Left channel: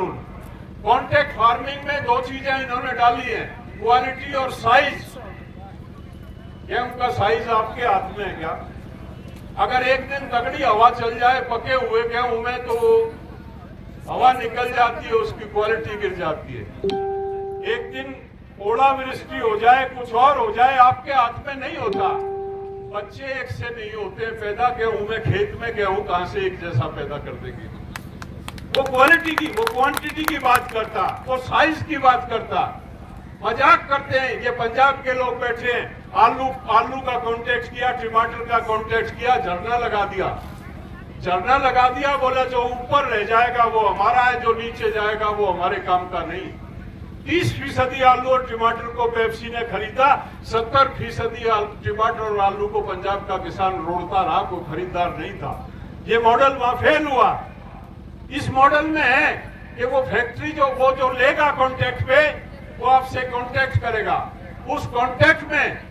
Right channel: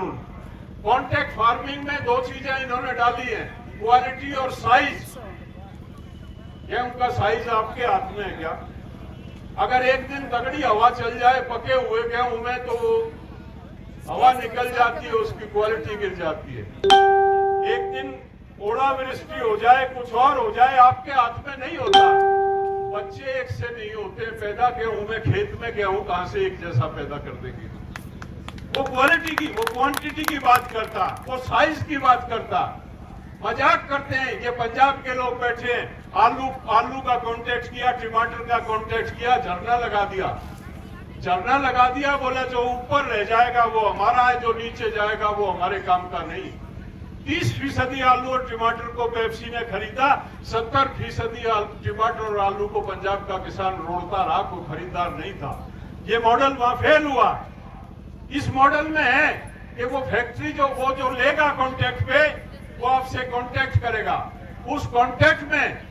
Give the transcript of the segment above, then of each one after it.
कानून। Contract farming में दो चीजें इन्होंने डाली है, क्वालिटी और साइज। गेहूं का साइज आपके हाथ में है क्या? अगर एक दिन तगड़ी हवा चल जाए पके हुए गेहूं में तो हवा निकल जाती है, उसकी क्वालिटी गिर जाती है। एक दिन ओलावृष्टि हो जाए, कुछ और हो जाए, आपके हाथ में नहीं होता। बच्चे एक से नहीं होते पैदा गेहूं में, खेत में गेहूं कहां से एक जैसा पैदा कर देंगे? वो क्वालिटी की, वो क्वांटिटी की बात करता, वो साइज की बात करता। मजाक करते हैं ये पंजाब के लोग बैठे, आलू का कॉन्टेक्ट किया, टमाटर का कॉन्टेक्ट किया, झरना लगा दिया, बोले जो ऊपर रह जाएगा वो हमारा है, जो नीचे जाएगा वो हमारे काम का नहीं। 30% आलू और टमाटर को पेप्सी ने खरीदा, 70% टमाटर और आलू को पंजाब का किसान रोड़ता रहा, कोई खरीदार नहीं था। ये मॉडल वहां फेल हुआ। इस मॉडल में है कि वो फैक्ट्री जो लेगा कॉन्ट्रैक्ट पे, वो आपसे कॉन्ट्रैक्ट करेगा। उस कॉन्ट्रैक्ट में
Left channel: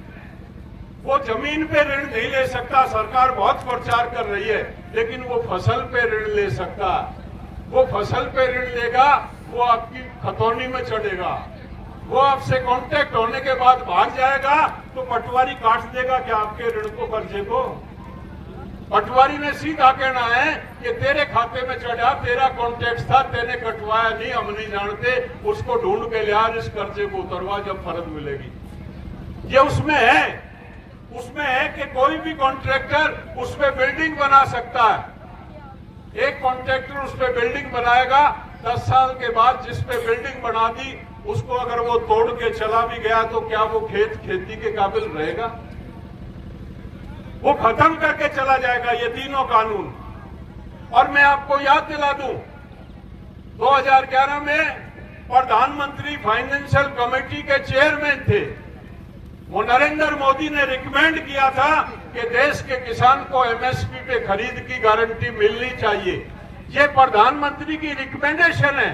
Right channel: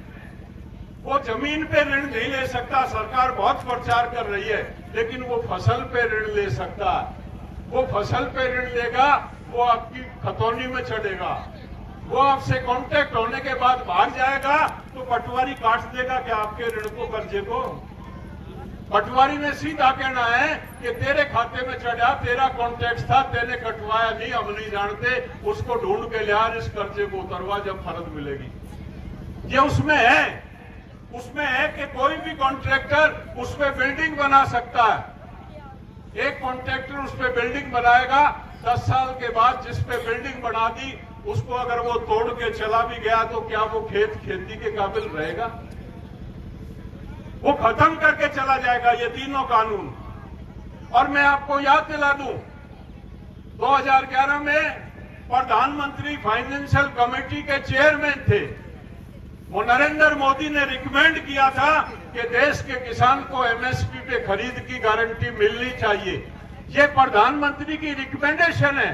वो जमीन पे ऋण नहीं ले सकता, सरकार बहुत प्रचार कर रही है, लेकिन वो फसल पे ऋण ले सकता है। वो फसल पे ऋण लेगा, वो आपकी खतौनी में चढ़ेगा। वो आपसे कॉन्ट्रैक्ट होने के बाद भाग जाएगा तो पटवारी काट देगा क्या आपके ऋण को, कर्जे को? पटवारी में सीधा कहना है कि तेरे खाते में चढ़ा, तेरा कॉन्ट्रैक्ट था, तेने कटवाया नहीं, हम नहीं जानते, उसको ढूंढ के लिया, इस कर्जे को उतरवा, जब फर्ज मिलेगी। ये उसमें है कि कोई भी कॉन्ट्रैक्टर उस पे बिल्डिंग बना सकता है। एक कॉन्ट्रैक्टर उस पे बिल्डिंग बनाएगा, 10 साल के बाद जिस पे बिल्डिंग बना दी उसको अगर वो तोड़ के चला भी गया तो क्या वो खेती के काबिल रहेगा? वो खत्म करके चला जाएगा ये तीनों कानून। और मैं आपको याद दिला दूं, 2011 में प्रधानमंत्री फाइनेंशियल कमेटी के चेयरमैन थे, वो नरेंद्र मोदी ने रिकमेंड किया था कि देश के किसान को एमएसपी पे खरीद की गारंटी मिलनी चाहिए। ये प्रधानमंत्री की रिकमेंडेशन है।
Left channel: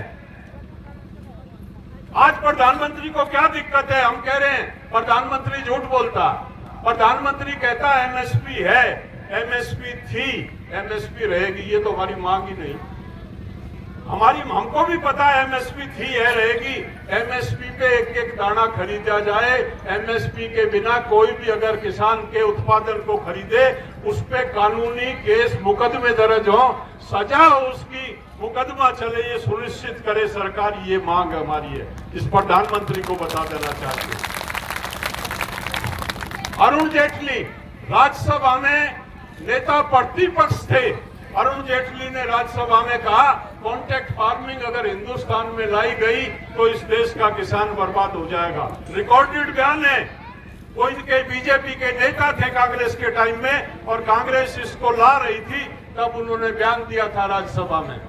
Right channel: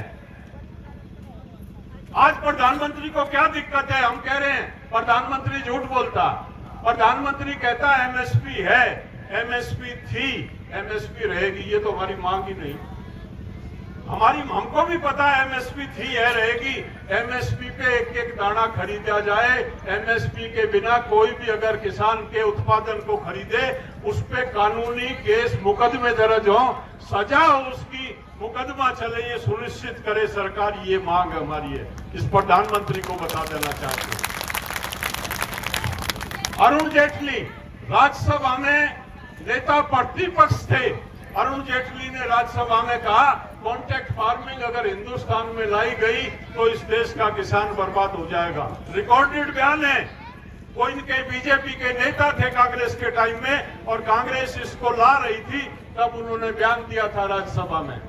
आज प्रधानमंत्री को क्या दिक्कत है? हम कह रहे हैं प्रधानमंत्री झूठ बोलता। प्रधानमंत्री कहता एमएसपी है, एमएसपी थी, एमएसपी रहेगी, ये तो हमारी मांग ही नहीं। हमको भी पता है एमएसपी थी है, रहेगी। एमएसपी पे एक एक दाना खरीदा जाए। एमएसपी के बिना कोई भी अगर किसान के उत्पादन को खरीदे, उस पे कानूनी केस मुकदमे दर्ज हो, सजा हो उसकी, मुकदमा चले, ये सुनिश्चित करे सरकार। ये मांग हमारी है, इस प्रधानमंत्री को बता देना चाहिए। अरुण जेटली राज्यसभा में नेता प्रतिपक्ष थे। अरुण जेटली ने राज्यसभा में कहा कॉन्ट्रैक्ट फार्मिंग अगर हिंदुस्तान में लाई गई तो इस देश का किसान बर्बाद हो जाएगा। रिकॉर्डेड बयान है। कोई के बीजेपी के नेता थे कांग्रेस के टाइम में, और कांग्रेस इसको ला रही थी, तब उन्होंने बयान दिया था राज्यसभा में।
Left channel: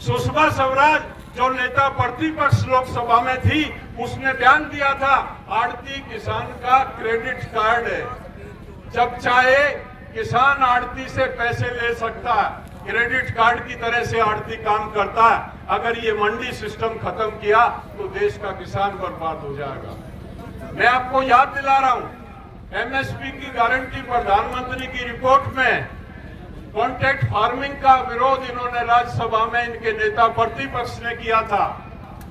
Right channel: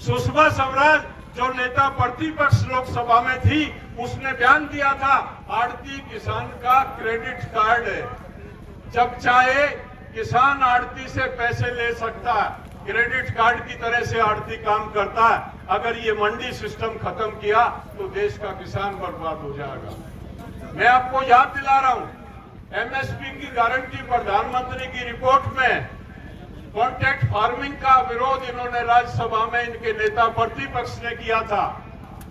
सुषमा स्वराज जो नेता प्रतिपक्ष लोकसभा में थी, उसने बयान दिया था आड़ती किसान का क्रेडिट कार्ड है, जब चाहे किसान आड़ती से पैसे ले सकता है, क्रेडिट कार्ड की तरह से आड़ती काम करता है। अगर ये मंडी सिस्टम खत्म किया तो देश का किसान बर्बाद हो जाएगा। मैं आपको याद दिला रहा हूं, एमएसपी की गारंटी प्रधानमंत्री की रिपोर्ट में कॉन्ट्रैक्ट फार्मिंग का विरोध इन्होंने राज्यसभा में इनके नेता प्रतिपक्ष ने किया था,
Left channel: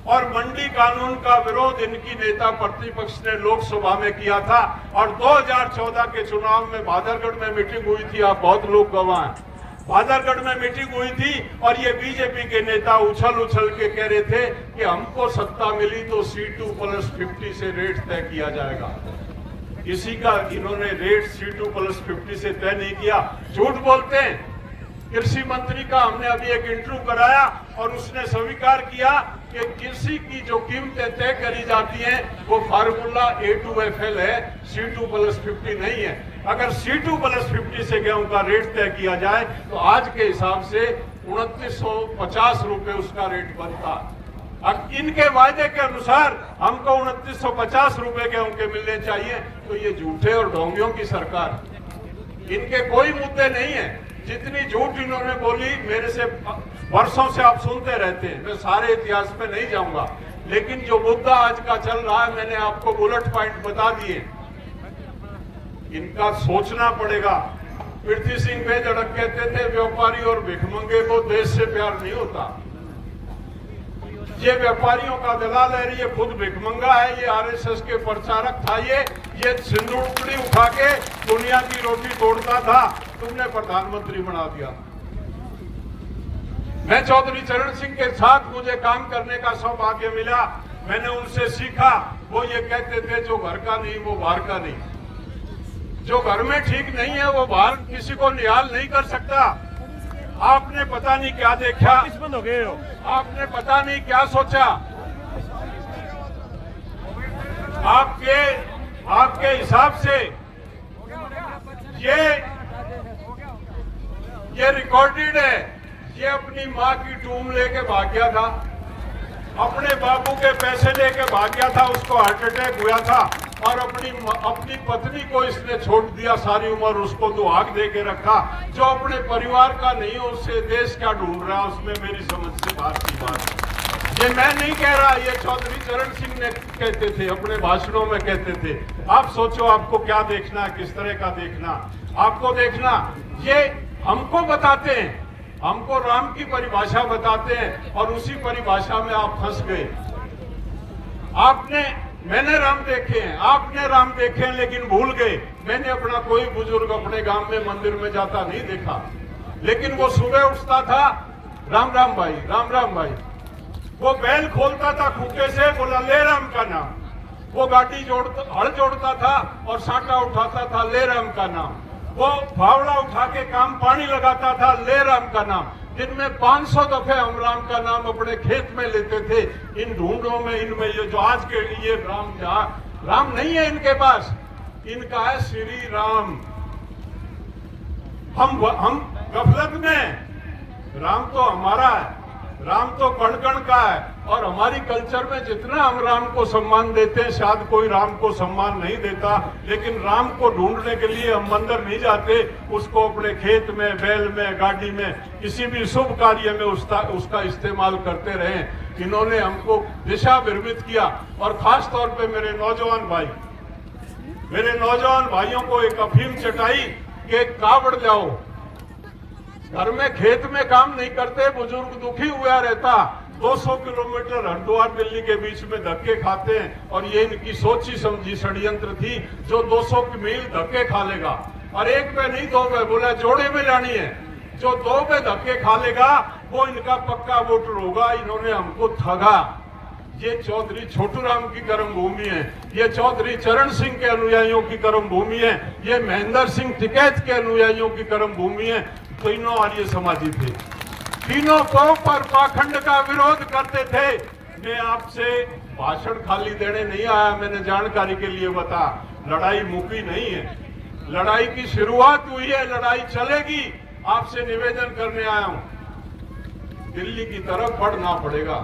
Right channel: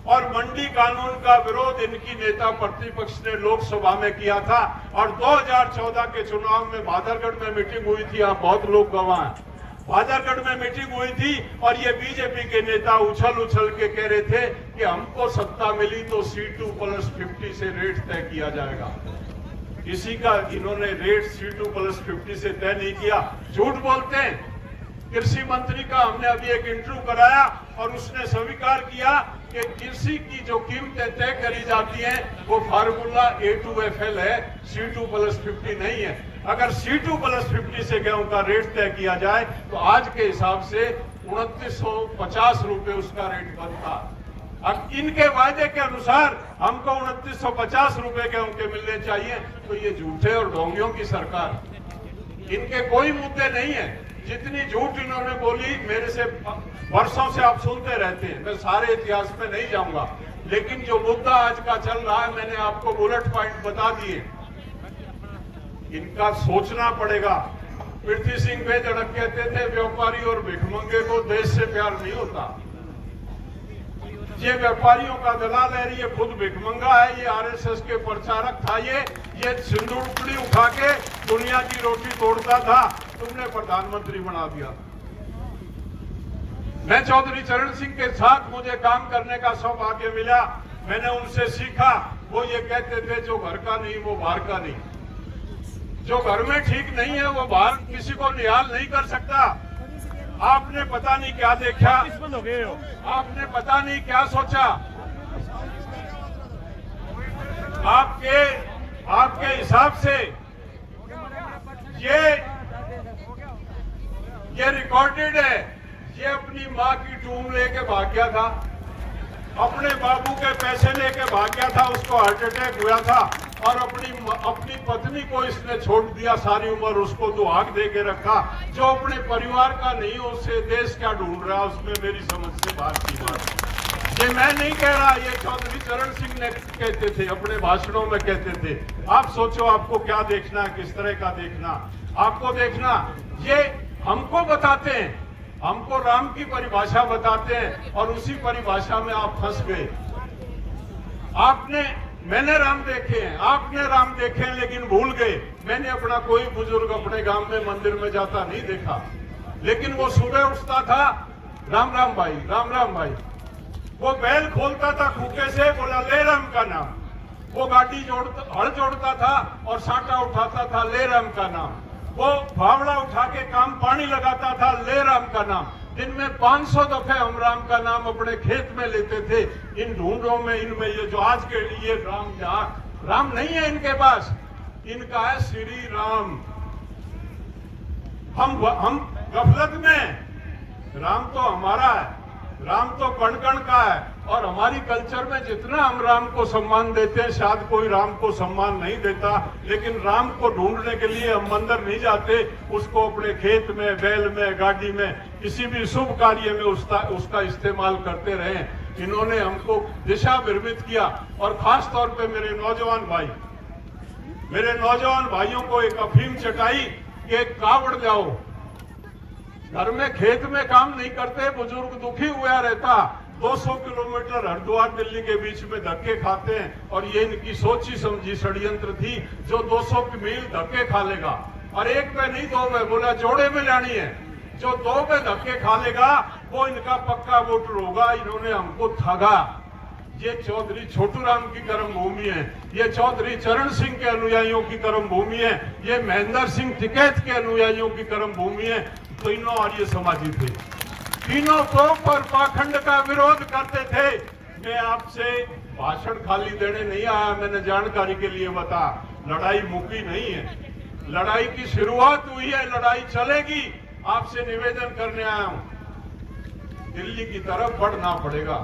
और मंडी कानून का विरोध इनकी नेता प्रतिपक्ष ने लोकसभा में किया था। और 2014 के चुनाव में भादरगढ़ में मीटिंग हुई थी, आप बहुत लोग गवाह हैं। भादरगढ़ में मीटिंग हुई थी और ये बीजेपी के नेता उछल के कह रहे थे कि हमको सत्ता मिली तो C2+50 से रेट तय किया जाएगा। किसी का इन्होंने रेट C2+50 से तय नहीं किया, झूठ बोलते हैं। कृषि मंत्री का हमने अभी एक इंटरव्यू कराया और उसने स्वीकार किया कि कृषि की जो कीमतें तय करी जाती हैं वो फार्मूला A2FL है, C2+50 नहीं है। अगर C2+50 से गेहूं का रेट तय किया जाए तो आज के हिसाब से 2950 रुपए उसका रेट बनता। अब इनके वायदे के अनुसार हमको 2950 रुपए गेहूं के मिलने चाहिए, तो ये झूठे और ढोंगियों की सरकार। इनके कोई मुद्दे नहीं है। जितनी झूठ इन्होंने बोली, मेरे से वर्षों से आप सुनते रहते हैं, मैं सारे इतिहास में नहीं जाऊंगा, लेकिन जो मुद्दा आज का चल रहा है मैंने आपको बुलेट पॉइंट बता दिए। इनका सोचना पड़ेगा। पृथ्वी सिंह बेधड़क कहते थे व्यापारी और भिखमंगे को देश से प्यार नहीं होता। ये व्यापारियों का दलाल है, ये खुद भिखमंगा है, ये आरएसएस के प्रचारक था, ये सिंदूर उठा के दुनिया की रोटी तोड़ता था, तुमने प्रधानमंत्री बना दिया। मैं चौधरी चरण सिंह के साथ मुझे काम करने का सौभाग्य मिला, मैंने उनसे सीखा। वो ये कहते थे जो घर का नहीं वो बाहर का नहीं, जो घर में ठीक नहीं है वो बाहर किसी को निहाल नहीं कर सकता। आपने पता नहीं क्या देखा, आपने पता नहीं क्या सोचा, आपके हिसाब से ये रिकॉर्डेड है। ये अपनी माँ की टूम लेके भाग गया था, अपने बाबू के पैसे लेके भाग गया था, उसको हार्ट अटैक हुआ था, और अपनी पत्नी को इसने छोड़ दिया सारी उम्र, उसको दुआग दे के रखा। जो अपने परिवार का नहीं हो उससे देश क्या ढूंढ रहा, उसमें मेरी समझ से बात की बात। ये मैं नहीं कह रहा, ये चौधरी चरण सिंह ने कहते थे, अपने भाषणों में कहते थे। आप सोचो आपको क्या देखना है, किस तरह का देखना आपको देखना। ये हमको बताते हैं, हमको राम की परिभाषा बताते हैं, और उसी परिभाषा में आप फंस गए। मैंने राम देखे हैं, आपने राम देखे हैं, लेकिन भूल गए। मैंने अपना कोई बुजुर्ग अपने गांव में मंदिर में जाता नहीं देखा, लेकिन वो सुबह उठता था, राम राम भाई, राम राम भाई। वो बैल खोलता था खूटे से, बोला ले राम का नाम। वो गाड़ी हल जोड़ता था और साटा उठाता था, ले राम का नाम। वो फावड़ा उठा के काम पानी लगाता था, ले राम का नाम। दिन में 500 दफे हम राम का नाम अपने खेत में लेते थे। इन ढूंढों में, इनमें ये जो आज के लिए राम नहीं है इनके पास, इनका है श्री राम। हम गफलत में, राम तो हमारा है, राम तो कण कण का है, और हमारी कल्चर में जितना हम राम को सम्मान देते हैं शायद कोई राम को सम्मान नहीं देता। लेकिन राम को ढूंढने के लिए हम मंदिर नहीं जाते, उसको अपने खेत में, बैल में, गाड़ी में, किसी भी शुभ कार्य में उसका इस्तेमाल करते रहे। इन्होंने हमको दिशा भ्रमित किया। और खास तौर पे मेरे नौजवान भाइयों को एक अफीम चटाई कि कावड़ जाओ, घर में खेत में काम नहीं करते, बुजुर्ग दुखी हुआ रहता, 200 किलोमीटर हरिद्वार दिल्ली के बीच में धक्के खाते हैं। और ये इनकी सोची समझी षड्यंत्र थी, जो 200 मील धक्के खा लेगा, और एक पे नहीं 2 पे, बोला जोड़े में लेनी है, जो 2 पे धक्के खा लेगा वो इनका पक्का वोटर होगा। इन्होंने हमको ठगा। ये चौधरी छोटू राम की कर्म भूमि है, ये चौधरी चरण सिंह के अनुयायियों की कर्म भूमि है, ये महेंद्र सिंह टिकैत के अनुयायियों की कर्म भूमि है। तीनों आर्य समाजी थे, तीनों पर पाखंड का विरोध करते थे। मैं आपसे भाषण खाली देने नहीं आया, मैंने जानकारी के लिए बता, लड़ाई मुकी नहीं है, लड़ाई की शुरुआत हुई है, लड़ाई चलेगी। आपसे निवेदन करने आया हूं, दिल्ली की तरफ बढ़ना पड़ेगा।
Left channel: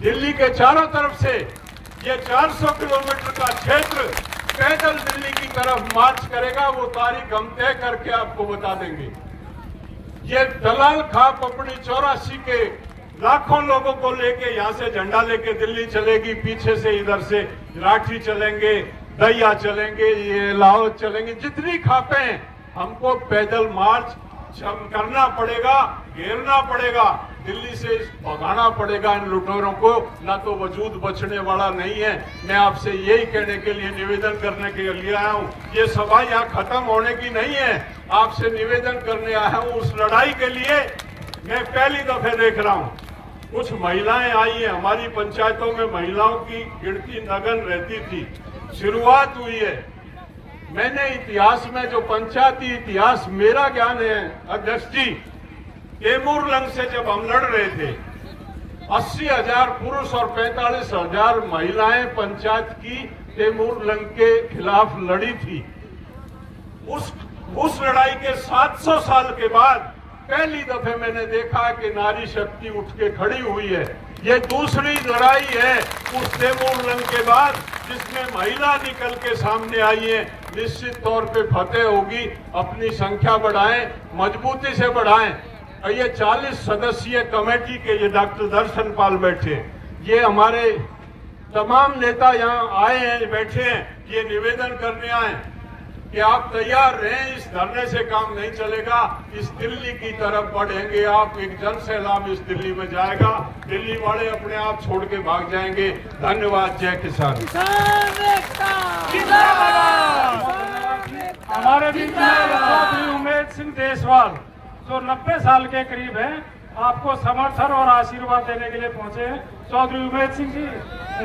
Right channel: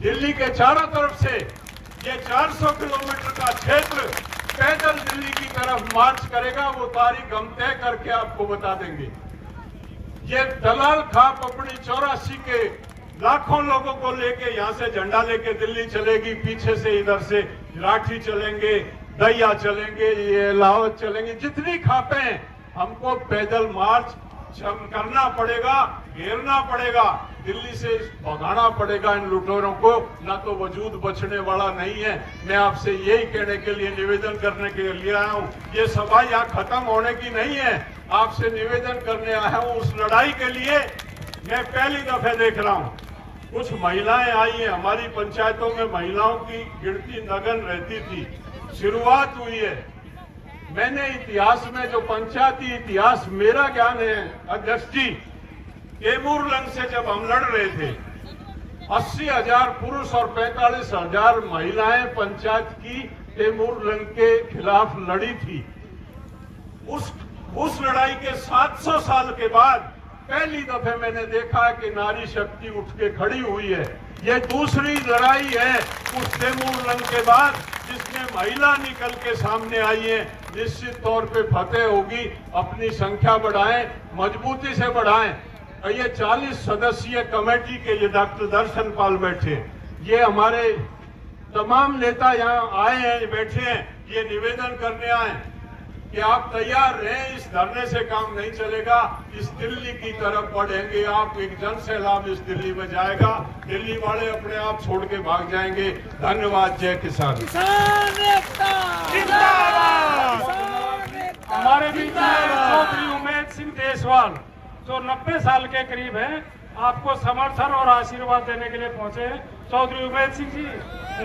दिल्ली के चारों तरफ से ये 400 किलोमीटर का क्षेत्र पैदल दिल्ली की तरफ मार्च करेगा। वो तारीख हम तय करके आपको बता देंगे। ये दलाल खाप अपनी 84 के लाखों लोगों को लेके यहाँ से झंडा लेके दिल्ली चलेगी, पीछे से इधर से लाठी चलेंगे, दैया चलेंगे, ये लाहौर चलेंगे, जितनी खापें हमको पैदल मार्च करना पड़ेगा, घेरना पड़ेगा, दिल्ली से भगाना पड़ेगा इन लुटेरों को, ना तो वजूद बचने वाला नहीं है। मैं आपसे यही कहने के लिए, निवेदन करने के लिए आया हूँ। ये सभा यहाँ खत्म होने की नहीं है, आपसे निवेदन करने आया हूँ। उस लड़ाई के लिए मैं पहली दफे देख रहा हूँ, कुछ महिलाएं आई हैं। हमारी पंचायतों में महिलाओं की गिनती नगन रहती थी, शुरुआत हुई है। मैंने इतिहास में, जो पंचायती इतिहास मेरा ज्ञान है अध्यक्ष जी, तैमूर लंग से जब हम लड़ रहे थे, 80,000 पुरुष और 45,000 महिलाएं पंचायत की तैमूर लंग के खिलाफ लड़ी थी। उस लड़ाई के 700 साल के बाद पहली दफे मैंने देखा कि नारी शक्ति उठ के खड़ी हुई है। ये दूसरी लड़ाई है उस तैमूर लंग के बाद जिसमें महिला निकल के सामने आई है। निश्चित तौर पे फतेह होगी। अपनी संख्या बढ़ाएं, मजबूती से बढ़ाएं। और ये 40 सदस्यीय कमेटी के ये डॉक्टर दर्शन पाल बैठे, ये हमारे तमाम नेता यहाँ आए हैं, बैठे हैं, ये निवेदन करने आए। कि आप तैयार रहें, इस धरने से काम नहीं चलेगा, इस दिल्ली की तरफ बढ़ेंगे आप, एक जन सैलाब इस दिल्ली में जाएगा, दिल्ली वाले अपने आप छोड़ के भाग जाएंगे। धन्यवाद। जय किसान। हमारे बीच में चौधरी उमेद सिंह देशवाल जो 90 साल के करीब हैं, आपको समर्थन और आशीर्वाद देने के लिए पहुंचे हैं। चौधरी उमेद सिंह जी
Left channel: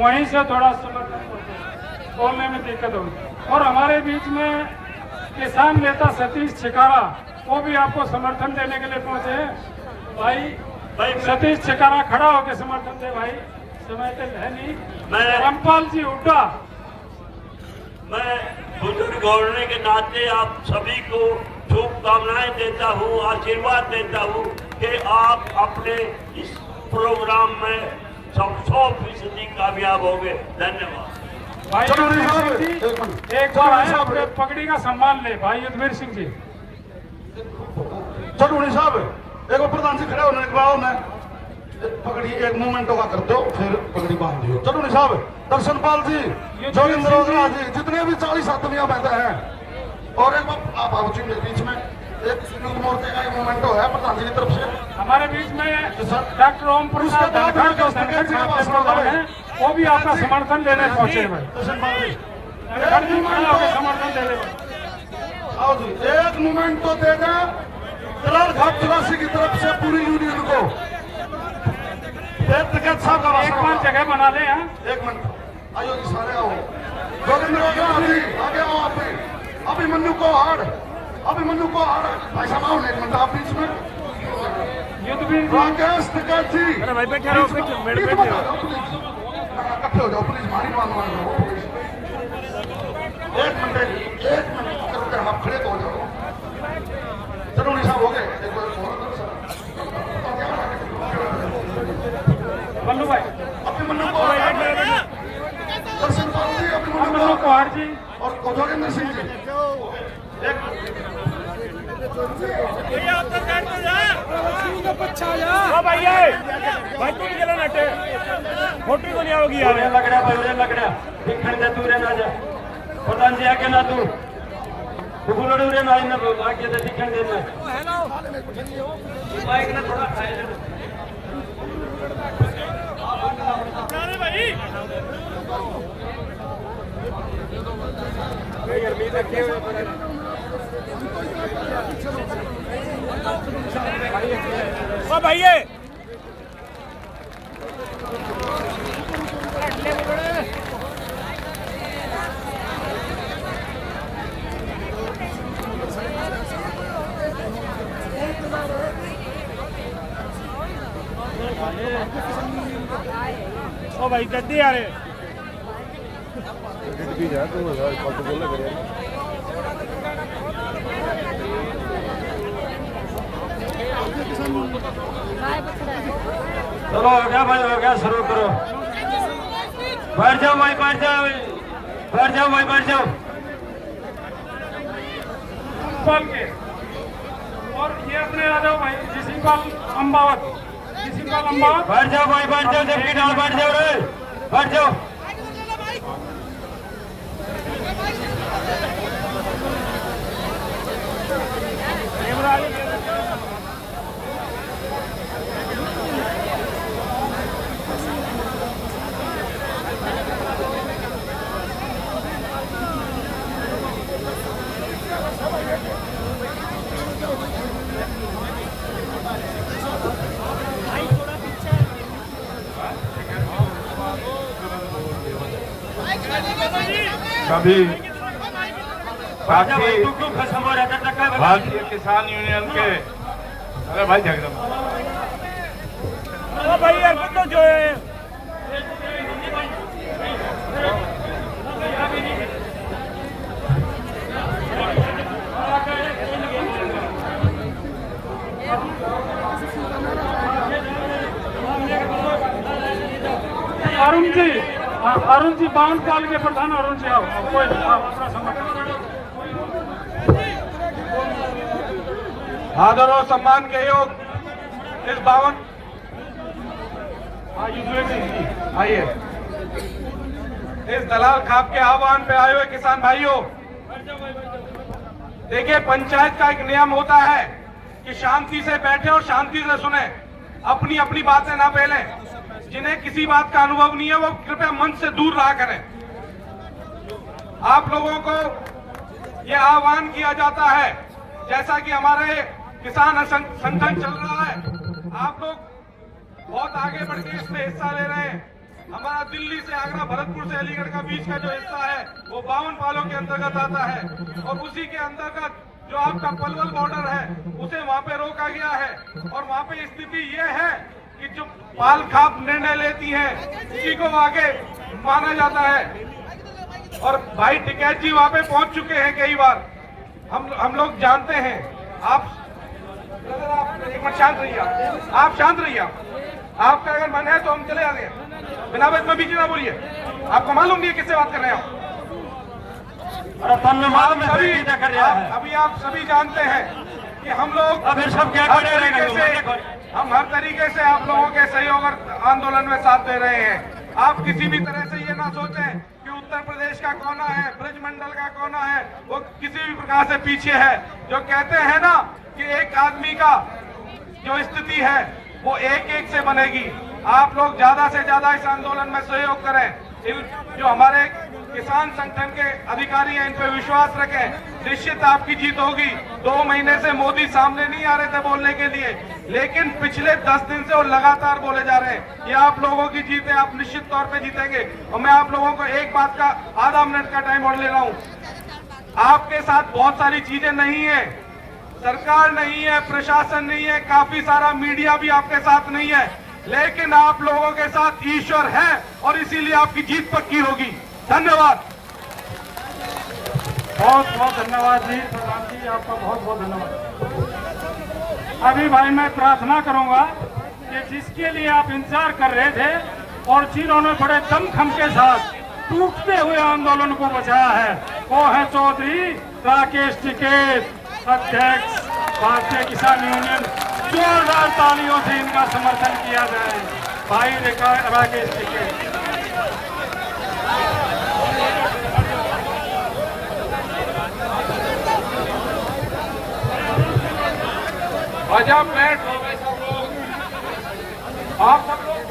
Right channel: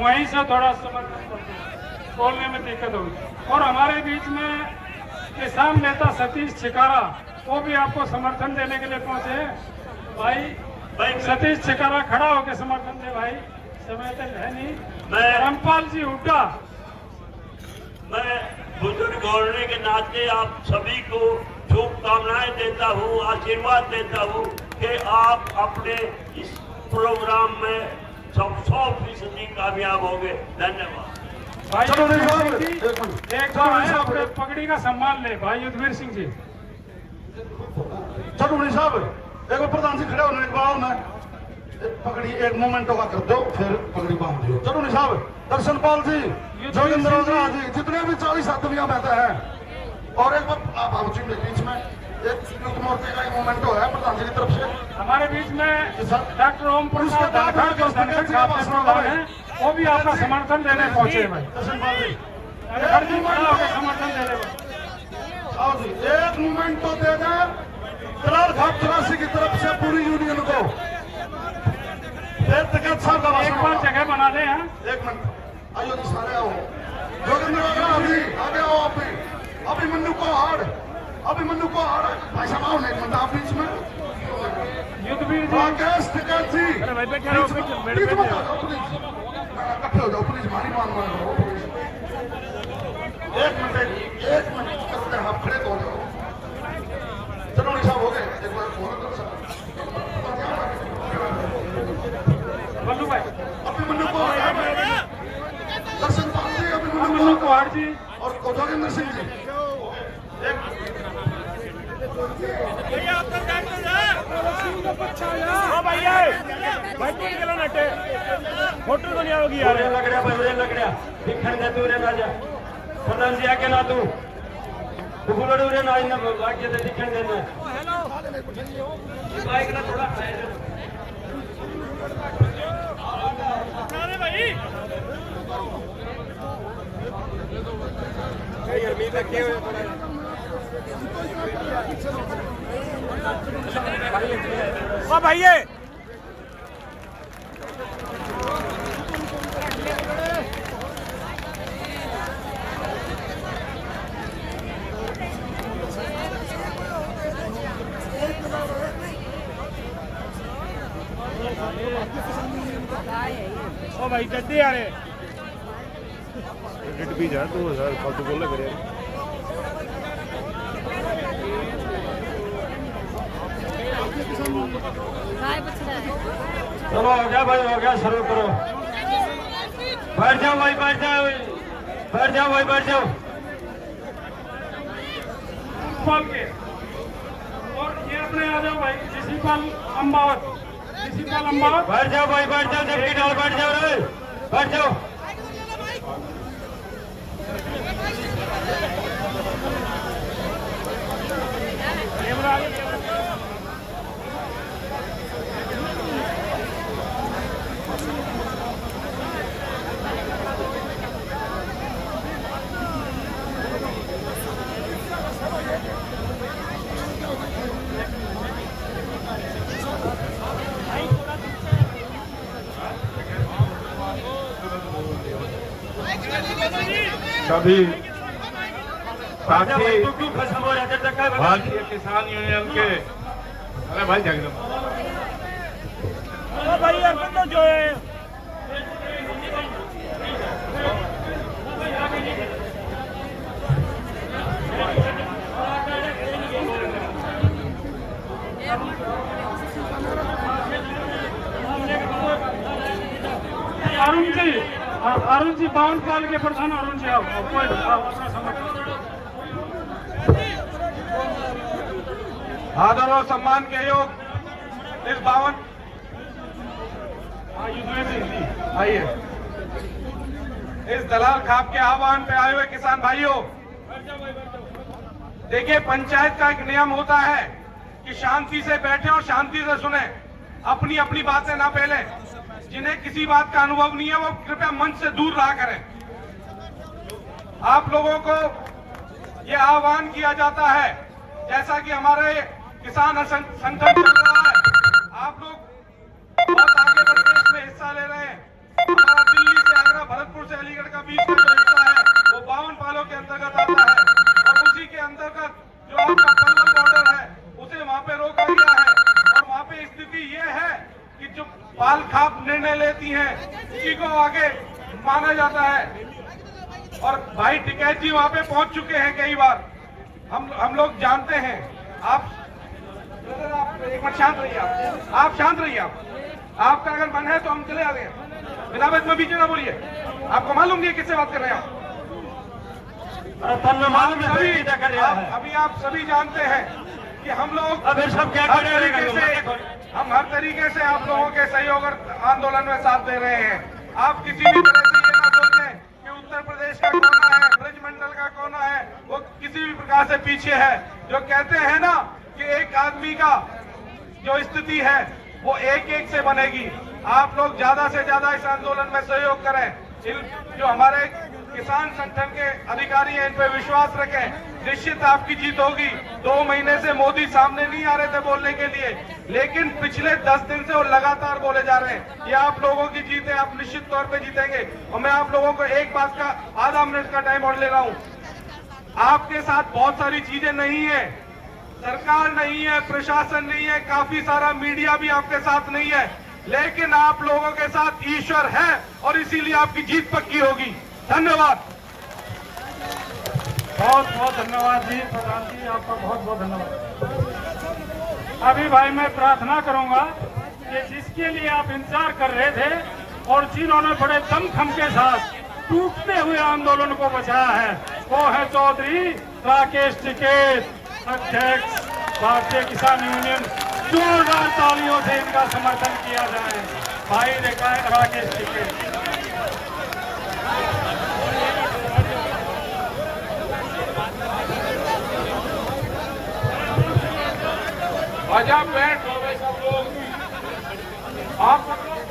वहीं से थोड़ा समर्थन करते हैं, बोलने में दिक्कत होगी। और हमारे बीच में किसान नेता सतीश छिकारा, वो भी आपको समर्थन देने के लिए पहुंचे हैं। भाई सतीश छिकारा खड़ा होकर समर्थन दे भाई, समय तो है नहीं। रामपाल जी हुड्डा। मैं बुजुर्ग होने के नाते आप सभी को शुभकामनाएं देता हूँ, आशीर्वाद देता हूँ कि आप अपने इस प्रोग्राम में 100% कामयाब होंगे। धन्यवाद। भाई युद्धवीर सिंह जी एक बार आए, अपने पगड़ी का सम्मान ले। भाई युद्धवीर सिंह जी। चटुनी साहब एक प्रधान जी खड़े होने के बाद मैं पगड़ी एक मोमेंटो का कर दो, फिर पगड़ी बांध दियो। चटुनी साहब, दर्शनपाल जी, जोगिंद्र मोगरा जी, जितने भी 40 आदमियां बैठे हैं, और एक आप आओ जी मेरे बीच में, एक सुनील मोर्चे का एक मोमेंटो है प्रधान जी की तरफ से हमारे बीच में डॉक्टर ओम प्रसाद धनखड़ जो धनखड़ साहब के प्रधान हैं, वो भी आपका समर्थन देने पहुंचे हुए। धनखड़ जी समर्थन देने। आओ जी, एक मोमेंटो देना घाट चौरासी की तरफ से पूरी यूनियन को। एक बार जगह बना दे। एक मिनट आइए जी, सारे आओ। जोगिंद्र जी आगे आओ। अभिमन्यु को हार, अभिमन्यु को हार। भाई साहब आओ, एक मिनट आप बीच में। युद्धवीर जी, राकेश टिकैत जी, इकट्ठे हो जाओ प्लीज, मारी मान एक मिनट आप खड़े हो जाओ। चलो साहब हो गए। मन्नू भाई, दर्शनपाल जी, मन्नू कुहाड़ जी और जोगिंदर सिंह जी। भाई तू निकला नटे फोटो को नहीं आओगी यार। लग रहा भाई, लग रहा दिखण जा तू रे ना जा प्रधान जी आके ना तू फुलड़ू रे ना इन आके दे दिखण दे माइक ने थोड़ा अपना रे भाई अरमीद रखे हुए ओ भाई ओ भाई जल्दी आ रहे भी गया तो यार फोटो बोल लग रहा चलो हो गया शुरू करो। बैठ जाओ भाई, बैठ जाओ, बैठ जाओ भाई, बैठ जाओ। पाल के और ये अपने आ जाओ भाई, किसी पाल अम्बावत, किसी पाल अम्बावत। बैठ जाओ भाई, बैठ जाओ, जबकि डाल बैठ जाओ रे, बैठ जाओ। कैमरा आगे कभी भारतीय किसान यूनियन के अरे भाई जगदम ओ भाई यार तो जो है अरुण जी बाउंड पाल के प्रधान अरुण जी आओ। आदर और सम्मान के योग इस बावन आइए इस दलाल खाप के आह्वान पे आए हुए किसान भाइयों देखिए, पंचायत का एक नियम होता है कि शांति से बैठे और शांति से सुने, अपनी अपनी बातें ना फैलें। जिन्हें किसी बात का अनुभव नहीं है वो कृपया मंच से दूर रहा करें। आप लोगों को ये आह्वान किया जाता है, जैसा कि हमारे किसान संगठन चल रहा है, आप लोग बहुत आगे बढ़ के इसमें हिस्सा ले रहे हैं। हमारा दिल्ली से आगरा, भरतपुर से अलीगढ़ का बीच का जो हिस्सा है वो 52 पालों के अंतर्गत आता है और उसी के अंतर्गत जो आपका पंगल बॉर्डर है उसे वहाँ पे रोका गया है। और वहाँ पे स्थिति ये है कि जो पाल खाप निर्णय लेती है उसी को आगे माना जाता है। और भाई टिकैत जी वहाँ पे पहुंच चुके हैं कई बार, हम लोग जानते हैं। आप एक मिनट शांत रहिए, आप शांत रहिए। आपका अगर मन है तो हम चले आते हैं, बिना बात में बीच ना बोलिए। आपको मालूम नहीं है किससे बात कर रहे हैं आप? अभी आप सभी जानते हैं कि हम लोग हर तरीके से आप लोगों के सहयोग और आंदोलन में साथ दे रहे हैं। आप किसी भी तरह से ये ना सोचें कि उत्तर प्रदेश का कोना है, ब्रजमंडल का कोना है, वो किसी भी प्रकार से पीछे है। जो कहते हैं ना कि एक आदमी का जो स्थिति है वो एक एक से बनेगी। आप लोग ज्यादा से ज्यादा इस आंदोलन में सहयोग करें। जो हमारे किसान संगठन के अधिकारी हैं इन पर विश्वास रखें, निश्चित आपकी जीत होगी। 2 महीने से मोदी सामने नहीं आ रहे थे बोलने के लिए, लेकिन पिछले 10 दिन से वो लगातार बोले जा रहे हैं। ये आप लोगों की जीत है, आप निश्चित तौर पे जीतेंगे। और मैं आप लोगों को एक बात का आधा मिनट का टाइम और ले रहा हूँ। आपके साथ बहुत सारी चीजें नहीं है, सरकार नहीं है, प्रशासन नहीं है, काफी सारा मीडिया भी आपके साथ नहीं है, लेकिन आप लोगों के साथ ईश्वर है और इसीलिए आपकी जीत पक्की होगी। धन्यवाद। बहुत बहुत धन्यवाद जी, प्रधान जी आपका बहुत बहुत धन्यवाद। अभी भाई मैं प्रार्थना करूंगा कि जिसके लिए आप इंतजार कर रहे थे और जिन्होंने बड़े दमखम के साथ टूटते हुए आंदोलन को बचाया है वो है चौधरी राकेश टिकैत, अध्यक्ष भारतीय किसान यूनियन। जोरदार तालियों से इनका समर्थन किया जाए। भाई राकेश टिकैत। आजा बैठ सब लोग, आप सब बैठ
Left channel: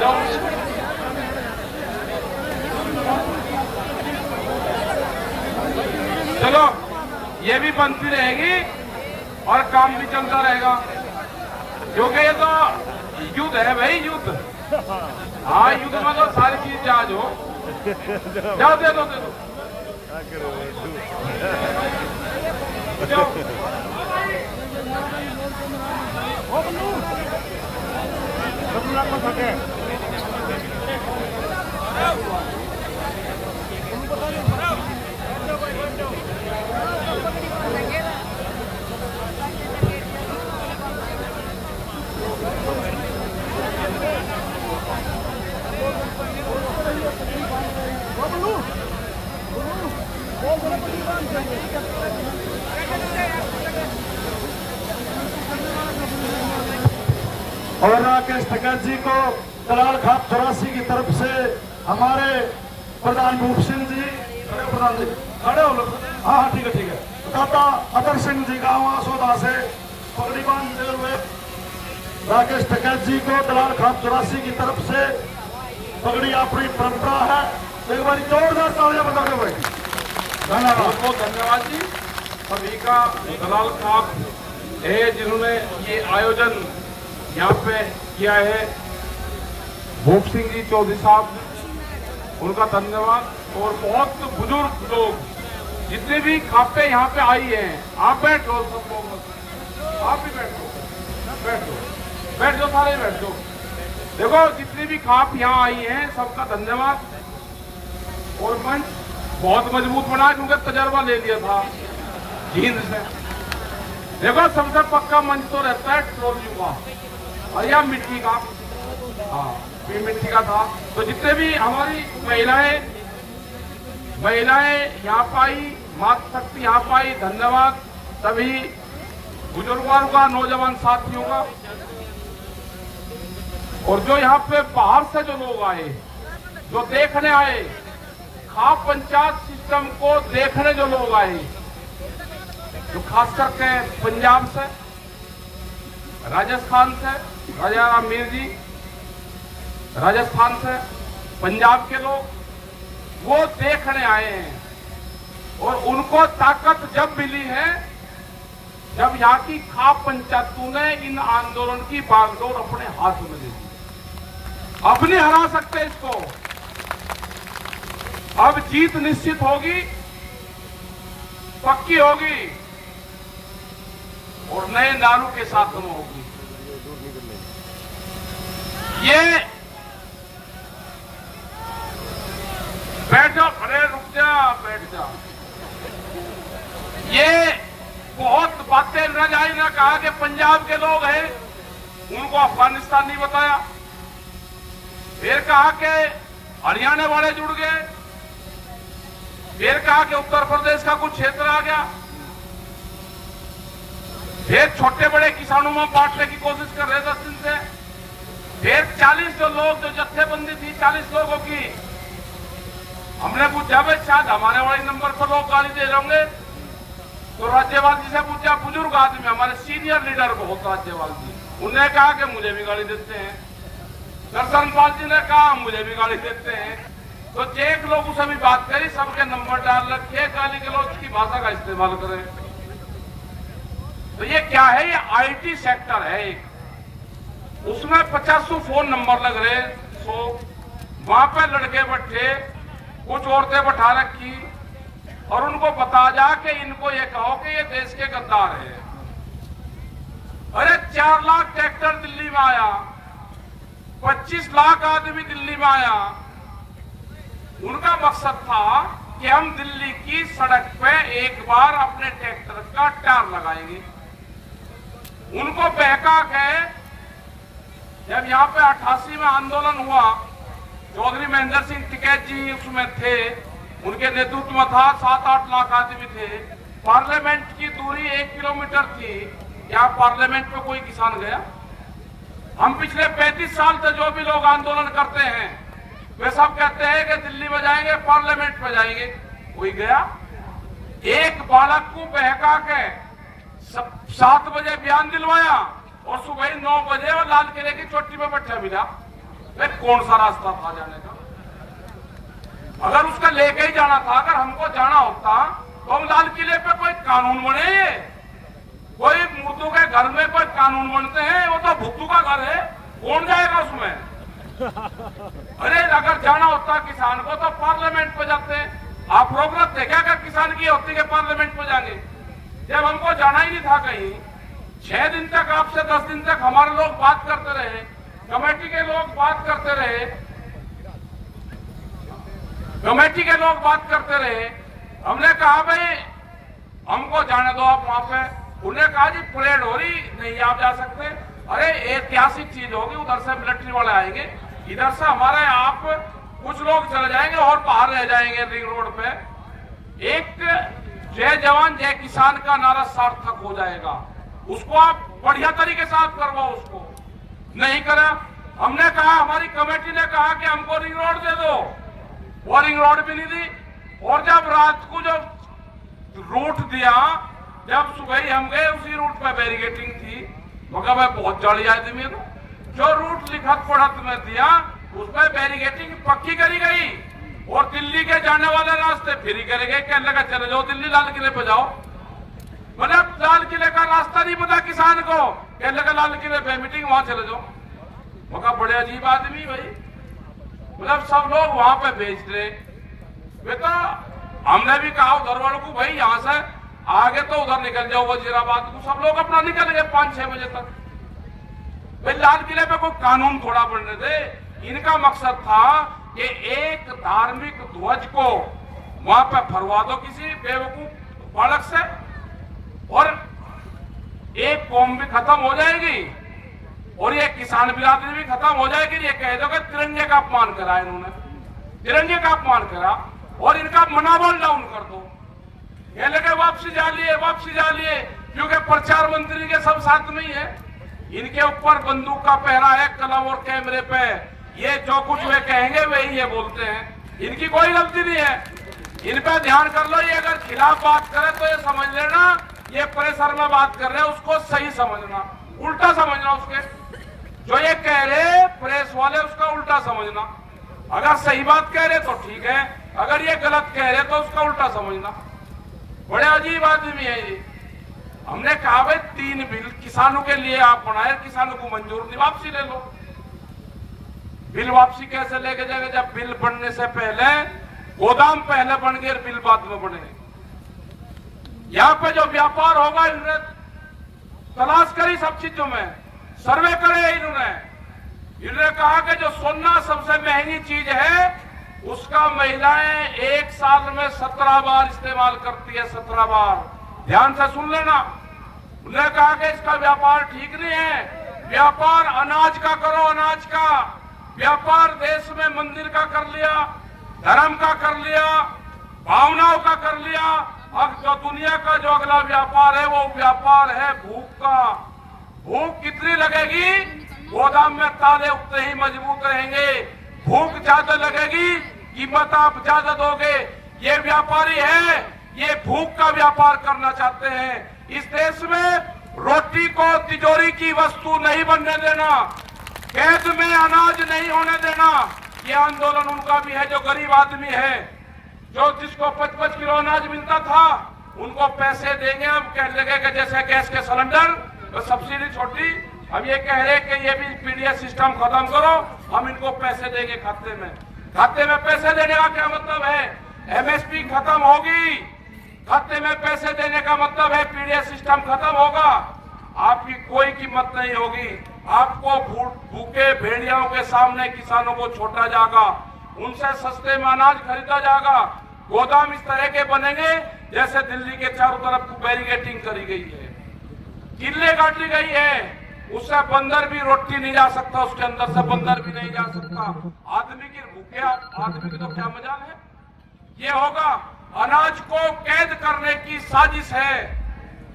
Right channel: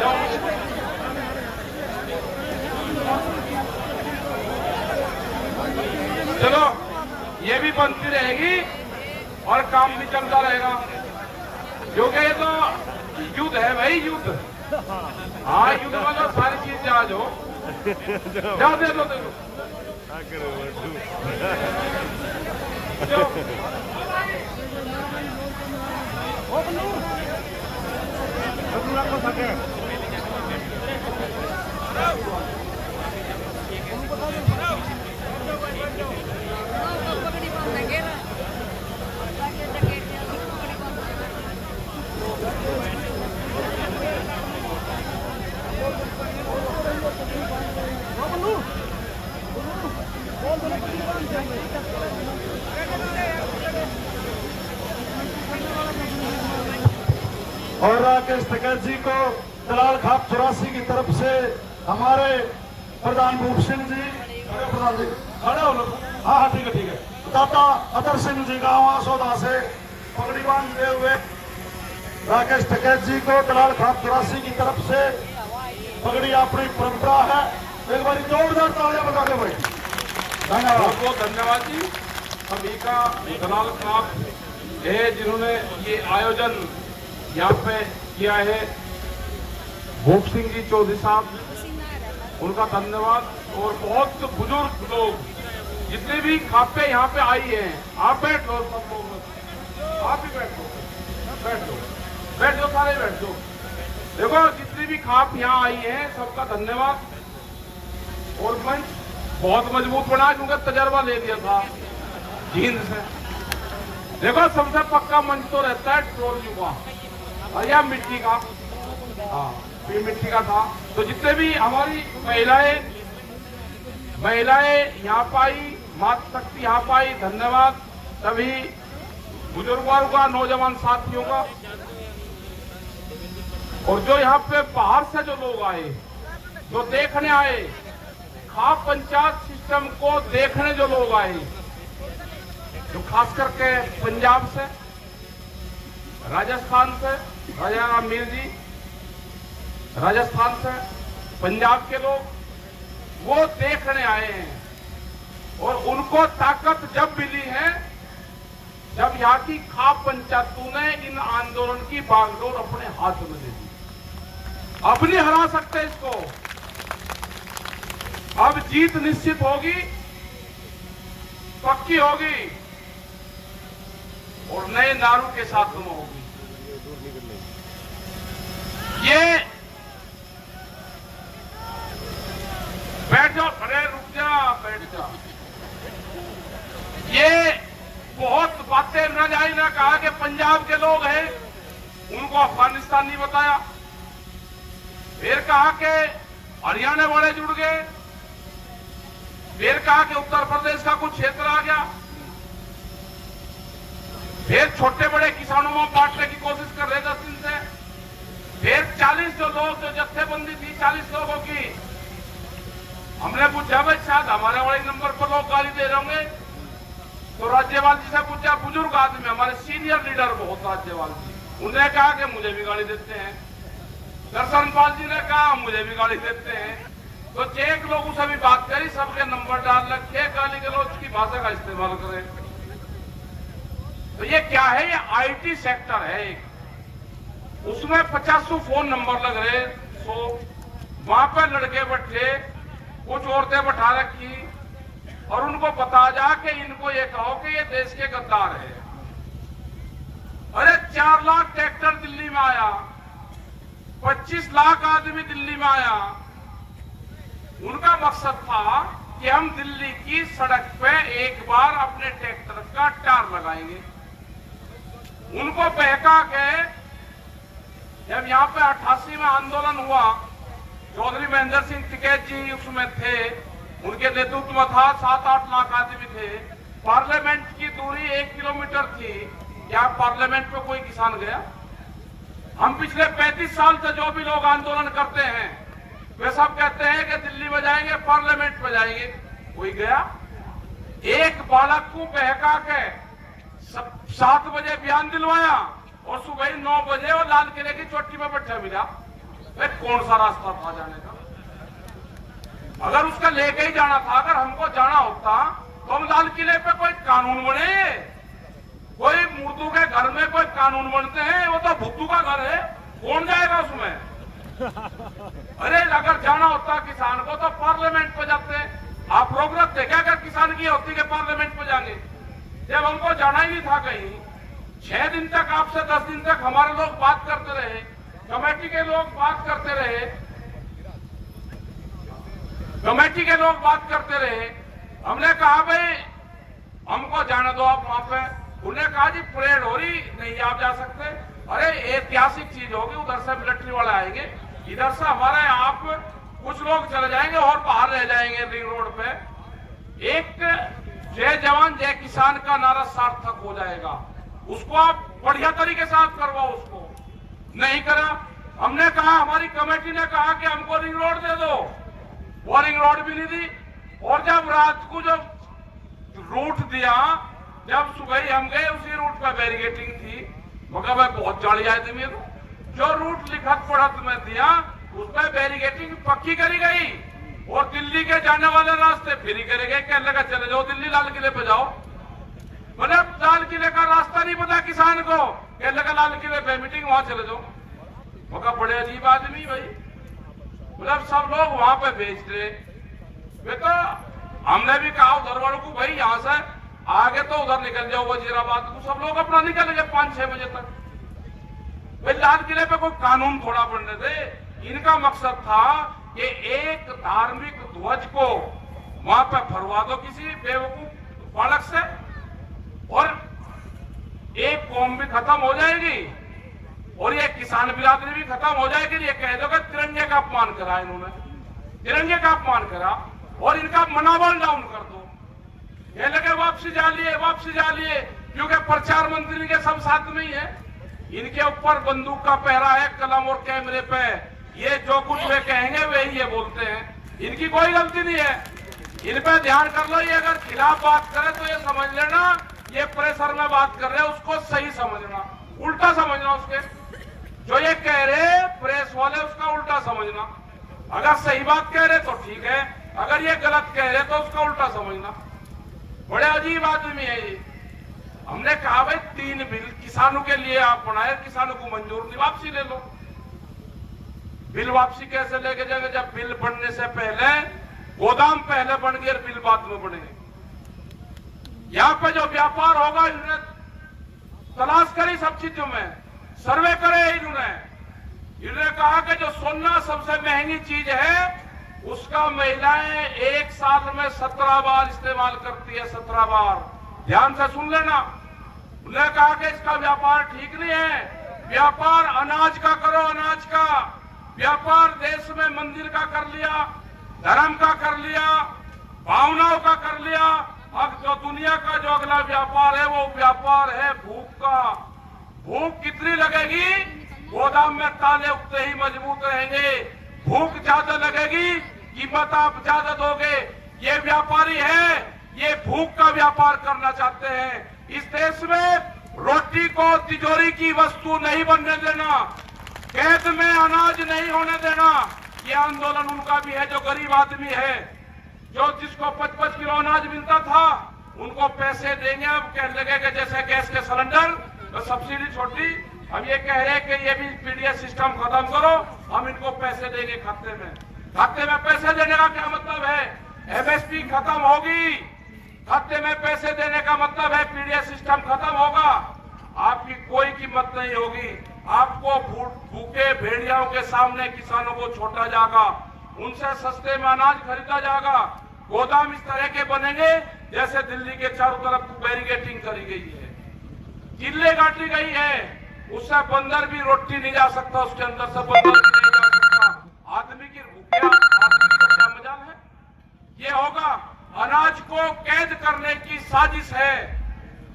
जाओ। चलो ये भी बनती रहेगी और काम भी चलता रहेगा, क्योंकि ये तो युद्ध है भाई, युद्ध। हाँ, युद्ध में तो सारी चीज जहाज हो। जाओ दे दो, और राकेश टिकैत जी को दलाल खाप 84 की तरफ से हमारे प्रधान भूप सिंह जी, प्रधान जी खड़े हो लोग। हाँ ठीक है। दाता अतर सिंह जी गाँव आसोदा से पगड़ी बांधते हुए राकेश टिकैत जी को दलाल खाप 84 की तरफ से पगड़ी अपनी परंपरा है। एक बार जोरदार तालियां बजा के भाई। धन्यवाद, बहुत बहुत धन्यवाद जी। सभी का दलाल खाप है जिन्होंने ये आयोजन यहाँ पे किया है। भूप सिंह जी चौधरी साहब, उनका धन्यवाद। और बहुत बुजुर्ग लोग जितने भी खापे यहाँ पे आई हैं, आप बैठो, आप भी बैठो, सारे बैठो। देखो जितनी भी खाप यहाँ आई हैं सबका धन्यवाद। और मंच बहुत मजबूत बना क्योंकि तजर्बा ले लिया था जींद से। देखो सबसे पक्का मंच तो रहता है ट्रॉली का, और यह मिट्टी का, हाँ ये मिट्टी का था। तो जितने भी हमारी महिलाएं यहाँ पाई, मातृ शक्ति यहाँ पाई, धन्यवाद सभी बुजुर्गों का, नौजवान साथियों का। और जो यहाँ पे बाहर से जो लोग आए, जो देखने आए, खाप पंचायत सिस्टम को देखने जो लोग आए, तो खास करके पंजाब से, राजस्थान से, राजा मीर जी राजस्थान से, पंजाब के लोग वो देखने आए हैं। और उनको ताकत जब मिली है जब यहाँ की खाप पंचायतों ने इन आंदोलन की बागडोर अपने हाथ में ले ली। अब नहीं हरा सकते इसको, अब जीत निश्चित होगी, पक्की होगी और नए नारों के साथ होगी। ये बैठ जाओ, अरे रुक जा, बैठ जा। ये बहुत बातें न जाए ना कहा कि पंजाब के लोग हैं उनको अफगानिस्तान नहीं बताया, फिर कहा कि हरियाणा वाले जुड़ गए, फिर कहा कि उत्तर प्रदेश का कुछ क्षेत्र आ गया, फिर छोटे बड़े किसानों में बांटने की कोशिश कर रहे 10 दिन से, फिर 40 जो लोग जो जत्थेबंदी थी 40 लोगों की, हमने पूछा भाई शायद हमारे वाले नंबर पर लोग गाली दे रहे होंगे, तो राज्यपाल जी से पूछा, बुजुर्ग आदमी हमारे सीनियर लीडर बहुत राज्यपाल जी, उन्होंने कहा कि मुझे भी गाली देते हैं। दर्शन पाल जी ने कहा मुझे भी गाली देते हैं। तो एक लोगों से भी बात करी, सबके नंबर डाल रखे, गाली गलौज की भाषा का इस्तेमाल करें। तो ये क्या है, ये आईटी सेक्टर है एक, उसमें 50 फोन नंबर लग रहे, 100 वहां पे लड़के बैठे, कुछ औरतें बैठा रखी और उनको बता जा कि इनको ये कहो कि ये देश के गद्दार है। अरे 4 लाख ट्रैक्टर दिल्ली में आया, 25 लाख आदमी दिल्ली में आया, उनका मकसद था कि हम दिल्ली की सड़क पे एक बार अपने ट्रैक्टर का टायर लगाएंगे। उनको बहका के जब यहाँ पे 88 में आंदोलन हुआ, चौधरी महेंद्र सिंह टिकैत जी उसमें थे, उनके नेतृत्व में था, 7-8 लाख आदमी थे, पार्लियामेंट की दूरी 1 किलोमीटर थी, क्या पार्लियामेंट पे कोई किसान गया? हम पिछले 35 साल से जो भी लोग आंदोलन करते हैं वे सब कहते हैं कि दिल्ली में जाएंगे, पार्लियामेंट में जाएंगे, कोई गया? एक बालक को बहका के 7 बजे बयान दिलवाया और सुबह 9 बजे वो लाल किले की चोटी पे बैठा मिला। वे कौन सा रास्ता था जाने का? अगर उसका लेके ही जाना था, अगर हमको जाना होता तो हम लाल किले पे कोई कानून बने, कोई मुर्दों के घर में कोई कानून बनते हैं, वो तो भुट्टू का घर है, कौन जाएगा उसमें? अरे अगर जाना होता किसान को तो पार्लियामेंट पे जाते। आप लोग रखते क्या अगर किसान की होती कि पार्लियामेंट पे जाएंगे? जब हमको जाना ही नहीं था कहीं, 6 दिन तक आपसे 10 दिन तक हमारे लोग बात करते रहे, कमेटी के लोग बात करते रहे, कमेटी के लोग बात करते रहे। हमने कहा भाई हमको जाने दो आप वहां पे। उन्होंने कहा जी परेड हो रही, नहीं आप जा सकते। अरे ऐतिहासिक चीज होगी, उधर से मिलिट्री वाले आएंगे, इधर से हमारे आप कुछ लोग चले जाएंगे और बाहर रह जाएंगे रिंग रोड पे। एक जय जवान जय किसान का नारा सार्थक हो जाएगा, उसको आप बढ़िया तरीके से आप करवाओ। उसको नहीं करा। हमने कहा, हमारी कमेटी ने कहा कि हमको रिंग रोड दे दो, वो रिंग रोड भी नहीं दी। और जब रात को जब रूट दिया, जब सुबह हम गए उसी रूट पर बैरिकेटिंग थी, मगर मैं बहुत जाली आदमी हूं, जो रूट लिखत पढ़त में दिया उस पर बैरिकेटिंग पक्की करी गई और दिल्ली के जाने वाले रास्ते फ्री करे गए। कहने लगा चले जाओ दिल्ली लाल किले पे जाओ, मतलब लाल किले का रास्ता नहीं पता किसान को, कहने लगा लाल किले पे मीटिंग वहां चले जाओ। मगर बड़े अजीब आदमी भाई, मतलब सब लोग वहां पे भेज रहे। बेटा हमने भी कहा उधर वालों को भाई यहाँ से आगे तो उधर निकल जाओ वजीराबाद को, सब लोग अपना निकल गए 5-6 बजे तक। भाई लाल किले पे कोई कानून थोड़ा बनने दे। इनका मकसद था कि एक धार्मिक ध्वज को वहां पे फरवा दो किसी बेवकूफ बालक से और एक कौम भी खत्म हो जाएगी और ये किसान बिरादरी भी खत्म हो जाएगी। ये कह दो कि तिरंगे का अपमान करा इन्होंने, तिरंगे का अपमान करा और इनका मनोबल डाउन कर दो। ये लगे वापसी जा लिए, क्योंकि प्रचार मंत्री के सब साथ में ही है। इनके ऊपर बंदूक का पहरा है, कलम और कैमरे पे, ये जो कुछ वे कहेंगे वही ये बोलते हैं। इनकी कोई गलती नहीं है, इन पे ध्यान कर लो। ये अगर खिलाफ बात करे तो ये समझ लेना ये प्रेशर में बात कर रहे हैं, उसको सही समझना, उल्टा समझना उसके। जो ये कह रहे प्रेस वाले उसका उल्टा समझना। अगर सही बात कह रहे तो ठीक है, अगर ये गलत कह रहे तो उसका उल्टा समझना। बड़े अजीब आदमी है ये। हमने कहा भाई 3 बिल किसानों के लिए आप बनाए, किसानों को मंजूर नहीं, वापसी ले लो। बिल वापसी कैसे लेके जाएंगे जब बिल बनने से पहले गोदाम पहले बन गए, बिल बाद में बने। यहाँ पे जो व्यापार होगा इन्होंने तलाश करी सब चीजों में, सर्वे करे इन्होंने कहा कि जो सोना सबसे महंगी चीज है उसका महिलाएं 1 साल में 17 बार इस्तेमाल करती है, 17 बार। ध्यान से सुन लेना। उन्होंने कहा कि इसका व्यापार ठीक नहीं है, व्यापार अनाज का करो, अनाज का व्यापार देश में मंदिर का कर लिया, धर्म का कर लिया, भावनाओं का कर लिया। अब जो दुनिया का जो अगला व्यापार है वो व्यापार है भूख का। भूख कितनी लगेगी? गोदाम में ताले उतने ही मजबूत रहेंगे। भूख ज्यादा लगेगी, कीमत आप ज्यादा दोगे। ये व्यापारी है, ये भूख का व्यापार करना चाहते हैं। इस देश में रोटी को तिजोरी की वस्तु नहीं बनने देना, कैद में अनाज नहीं होने देना। ये आंदोलन उनका भी है जो गरीब आदमी है, जो जिसको 5-5 किलो अनाज मिलता था उनको पैसे देंगे। अब कहने लगे कि जैसे गैस के सिलेंडर सब्सिडी छोटी, अब ये कह रहे कि ये भी पीडीएस सिस्टम खत्म करो, हम इनको पैसे देंगे खाते में। खाते में पैसे देने का क्या मतलब है? एमएसपी खत्म होगी, खाते में पैसे देने का मतलब है पीडीएस सिस्टम खत्म होगा, आपकी कोई कीमत नहीं होगी। आपको भूखे भेड़ियाओं के सामने किसानों को छोड़ा जाएगा, उनसे सस्ते में अनाज खरीदा जाएगा। गोदाम इस तरह के बनेंगे जैसे दिल्ली के चारों तरफ बैरिकेडिंग करी गई है, किले काटी गई है, उससे बंदर भी रोटी नहीं जा सकता, उसके अंदर से बंदर भी नहीं जा सकता। आदमी की भूखिया, आदमी का क्या मजाल है? ये होगा। अनाज को कैद करने की साजिश है,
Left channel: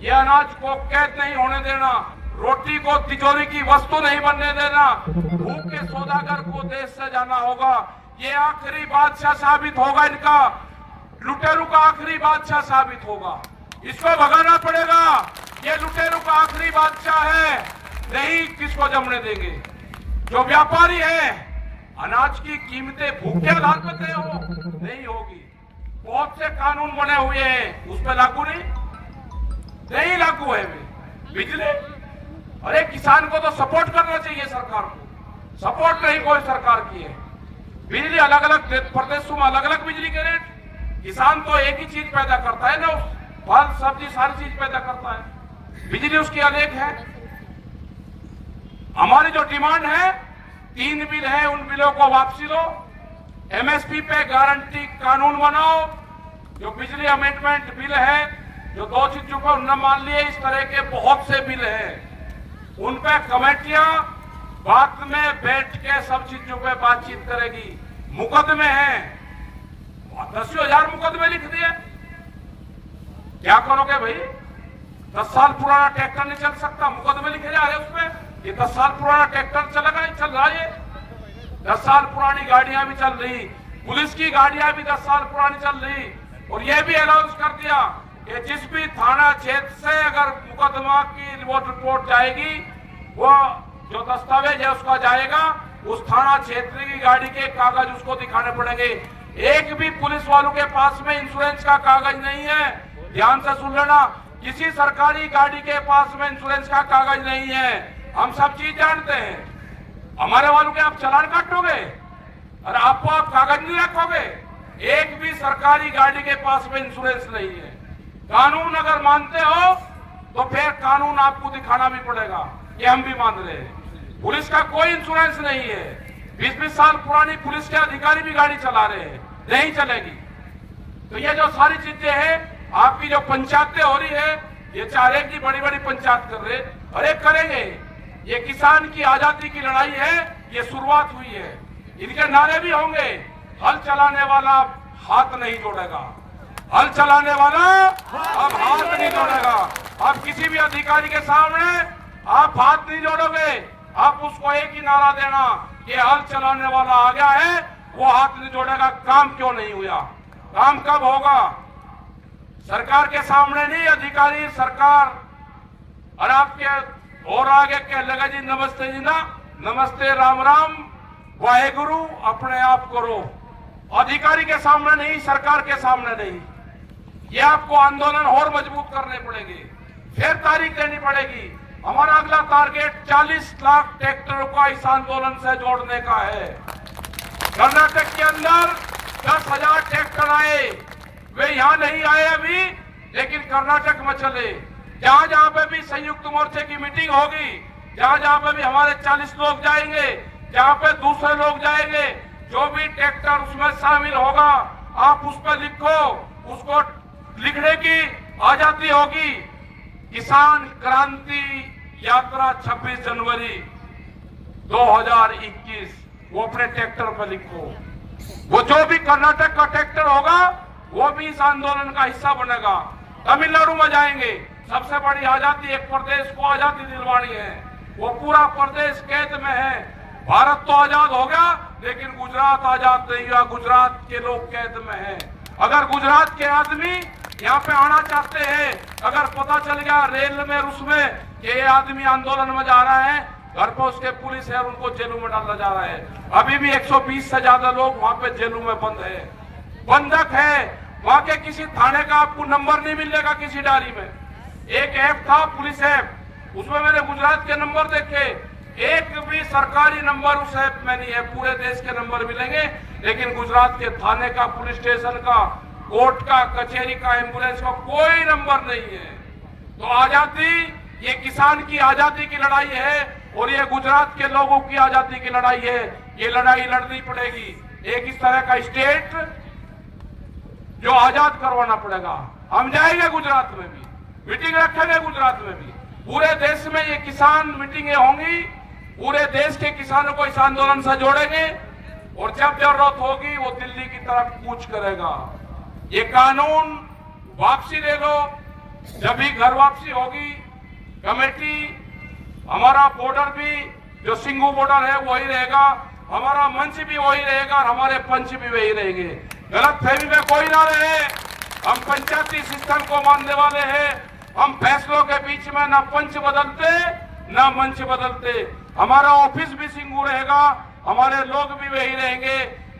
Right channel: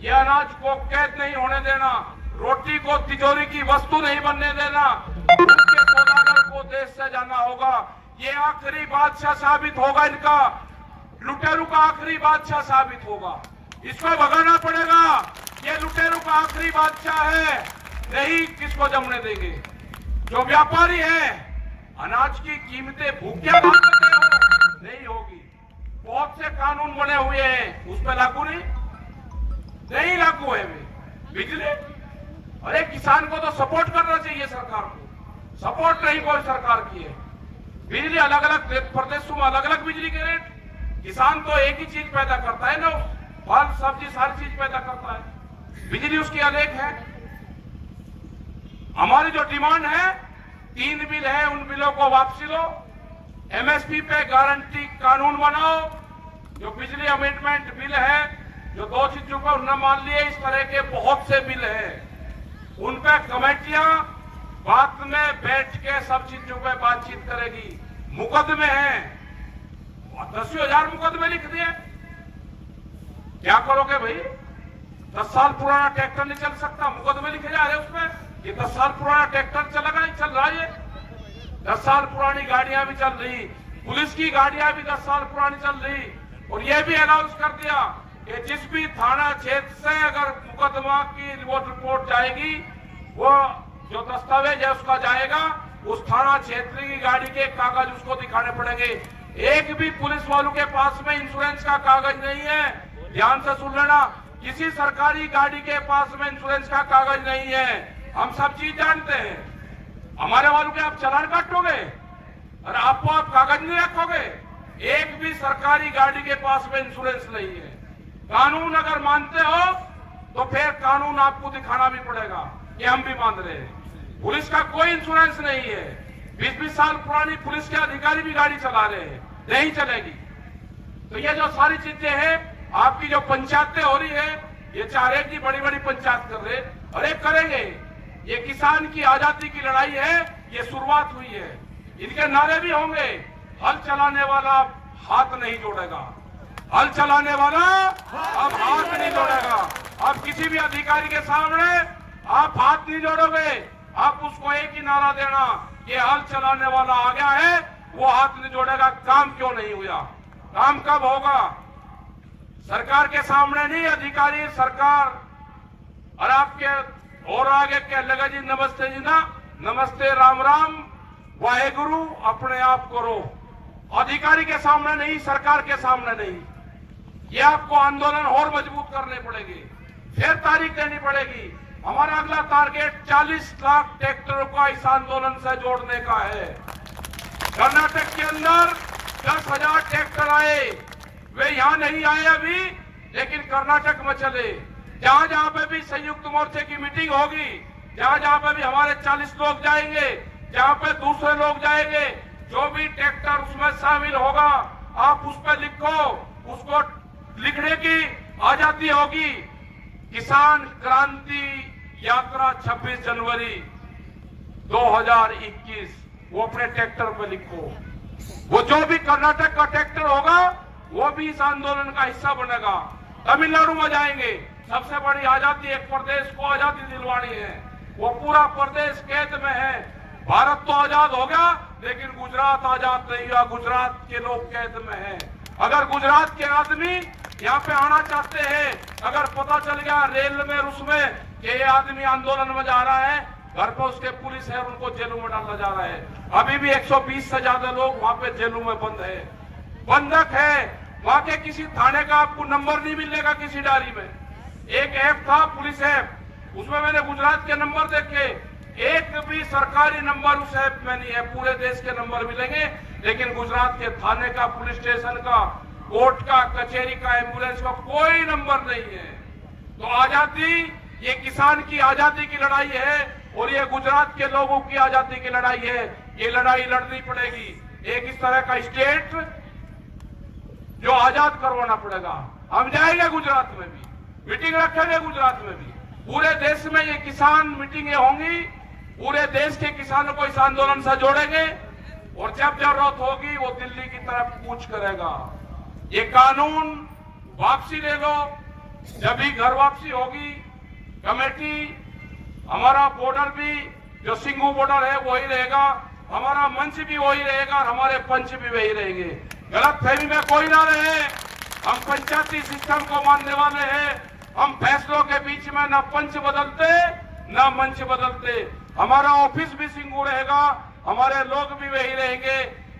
ये अनाज को कैद नहीं होने देना, रोटी को तिजोरी की वस्तु नहीं बनने देना। उनके सौदागर को देश से जाना होगा। ये आखिरी बादशाह साबित होगा, इनका लुटेरू का आखिरी बादशाह साबित होगा। इसको भगाना पड़ेगा। ये लुटेरू का आखिरी बादशाह है, नहीं किसको जमने देंगे। जो व्यापारी है, अनाज की कीमतें भूखे नहीं होगी। बहुत से कानून बने हुए हैं, उस पर लागू नहीं लागू है। बिजली, अरे किसान को तो सपोर्ट करना चाहिए सरकार को, सपोर्ट नहीं कोई सरकार की है। बिजली अलग अलग प्रदेशों में अलग अलग बिजली के रेट, किसान तो एक ही चीज पैदा करता है ना, फल सब्जी सारी चीज पैदा करता है, बिजली उसकी अलग है। हमारी जो डिमांड है, 3 बिल है, उन बिलों को वापसी लो, एमएसपी पे गारंटी कानून बनाओ। जो बिजली अमेंडमेंट बिल है, जो 2 चीजों को न मान लिए, इस तरह के बहुत से बिल हैं, उन पे कमेटियां बाद में बैठ के सब चीजों पे बातचीत करेगी। मुकदमे हैं, 10,000 मुकदमे लिख दिए, क्या करोगे भाई? 10 साल पुराना ट्रैक्टर नहीं चल सकता, मुकदमे लिखे जा रहे उसमें। ये 10 साल पुराना ट्रैक्टर चल रहा है, 10 साल पुरानी गाड़ियां भी चल रही, पुलिस की गाड़ियां भी 10 साल पुरानी चल रही। और ये भी अनाउंस कर दिया कि जिस भी थाना क्षेत्र से अगर मुकदमा की वो रिपोर्ट जाएगी, वो जो दस्तावेज है उसका जाएगा, उस थाना क्षेत्र की गाड़ी के कागज उसको दिखाने पड़ेंगे। एक भी पुलिस वालों के पास में इंश्योरेंस का कागज नहीं है। ध्यान से सुन लेना, किसी सरकारी गाड़ी के पास में इंश्योरेंस का कागज नहीं है। हम सब चीज जानते हैं। हमारे वालों के आप चालान काटोगे और आपको आप कागज नहीं रखोगे। एक भी सरकारी गाड़ी के पास में इंश्योरेंस नहीं है। कानून अगर मानते हो तो फिर कानून आपको दिखाना भी पड़ेगा, ये हम भी मान रहे हैं। पुलिस का कोई इंश्योरेंस नहीं है। 20-20 साल पुरानी पुलिस के अधिकारी भी गाड़ी चला रहे हैं, नहीं चलेगी। तो ये जो सारी चीजें हैं, आपकी जो पंचायतें हो रही है, ये 4 की बड़ी बड़ी पंचायत कर रहे, अरे करेंगे। ये किसान की आजादी की लड़ाई है, ये शुरुआत हुई है। इनके नारे भी होंगे, हल चलाने वाला हाथ नहीं जोड़ेगा, हल चलाने वाला अब हाथ नहीं जोड़ेगा। अब किसी भी अधिकारी के सामने आप हाथ नहीं जोड़ोगे, आप उसको एक ही नारा देना कि हल चलाने वाला आ गया है, वो हाथ नहीं जोड़ेगा। काम क्यों नहीं हुआ? काम कब होगा? सरकार के सामने नहीं, अधिकारी सरकार और आपके और आगे कह लगा जी नमस्ते जी ना, नमस्ते राम राम वाहेगुरु अपने आप करो। अधिकारी के सामने नहीं, सरकार के सामने नहीं। ये आपको आंदोलन और मजबूत करने पड़ेंगे, फिर तारीख देनी पड़ेगी। हमारा अगला टारगेट 40 लाख ट्रैक्टरों को इस आंदोलन से जोड़ने का है। कर्नाटक के अंदर 10,000 ट्रैक्टर आए, वे यहां नहीं आए अभी, लेकिन कर्नाटक में चले। जहां जहां पे भी संयुक्त मोर्चे की मीटिंग होगी, जहां जहां पे भी हमारे 40 लोग जाएंगे, जहां पे दूसरे लोग जाएंगे, जो भी ट्रैक्टर उसमें शामिल होगा, आप उस पर लिखो, उसको लिखने की आजादी होगी। किसान क्रांति यात्रा 26 जनवरी 2021, वो अपने ट्रैक्टर पर लिखो। वो जो भी कर्नाटक का ट्रैक्टर होगा वो भी इस आंदोलन का हिस्सा बनेगा। तमिलनाडु में जाएंगे, सबसे बड़ी आजादी, एक प्रदेश को आजादी दिलवानी है, वो पूरा प्रदेश कैद में है। भारत तो आजाद होगा, लेकिन गुजरात आजाद नहीं रहा, गुजरात के लोग कैद में हैं। अगर गुजरात के आदमी यहाँ पे आना चाहते हैं, अगर पता चल गया रेल में उसमें कि ये आदमी आंदोलन में जा रहा है, घर पर उसके पुलिस है, उनको जेलों में डाला जा रहा है। अभी भी 120 से ज्यादा लोग वहां पे जेलों में बंद है, बंधक है। वहां के किसी थाने का आपको नंबर नहीं मिलेगा किसी डायरी में। एक ऐप था पुलिस ऐप, उसमें मैंने गुजरात के नंबर देखे, एक भी सरकारी नंबर उस ऐप में नहीं है। पूरे देश के नंबर मिलेंगे, लेकिन गुजरात के थाने का, पुलिस स्टेशन का, कोर्ट का, कचहरी का, एम्बुलेंस का कोई नंबर नहीं है। तो आजादी, ये किसान की आजादी की लड़ाई है और ये गुजरात के लोगों की आजादी की लड़ाई है। ये लड़ाई लड़नी पड़ेगी। एक इस तरह का स्टेट जो आजाद करवाना पड़ेगा। हम जाएंगे गुजरात में भी, मीटिंग रखेंगे गुजरात में भी। पूरे देश में ये किसान मीटिंगें होंगी, पूरे देश के किसानों को इस आंदोलन से जोड़ेंगे और जब जरूरत होगी वो दिल्ली की तरफ कूच करेगा। ये कानून वापसी ले लो, जब भी घर वापसी होगी, कमेटी, हमारा बॉर्डर भी जो सिंगू बॉर्डर है वही रहेगा, हमारा मंच भी वही रहेगा और हमारे पंच भी वही रहेंगे। गलत फहमी में कोई ना रहे, हम पंचायती सिस्टम को मानने वाले हैं। हम फैसलों के बीच में ना पंच बदलते ना मंच बदलते। हमारा ऑफिस भी सिंगू रहेगा, हमारे लोग भी वही रहेंगे।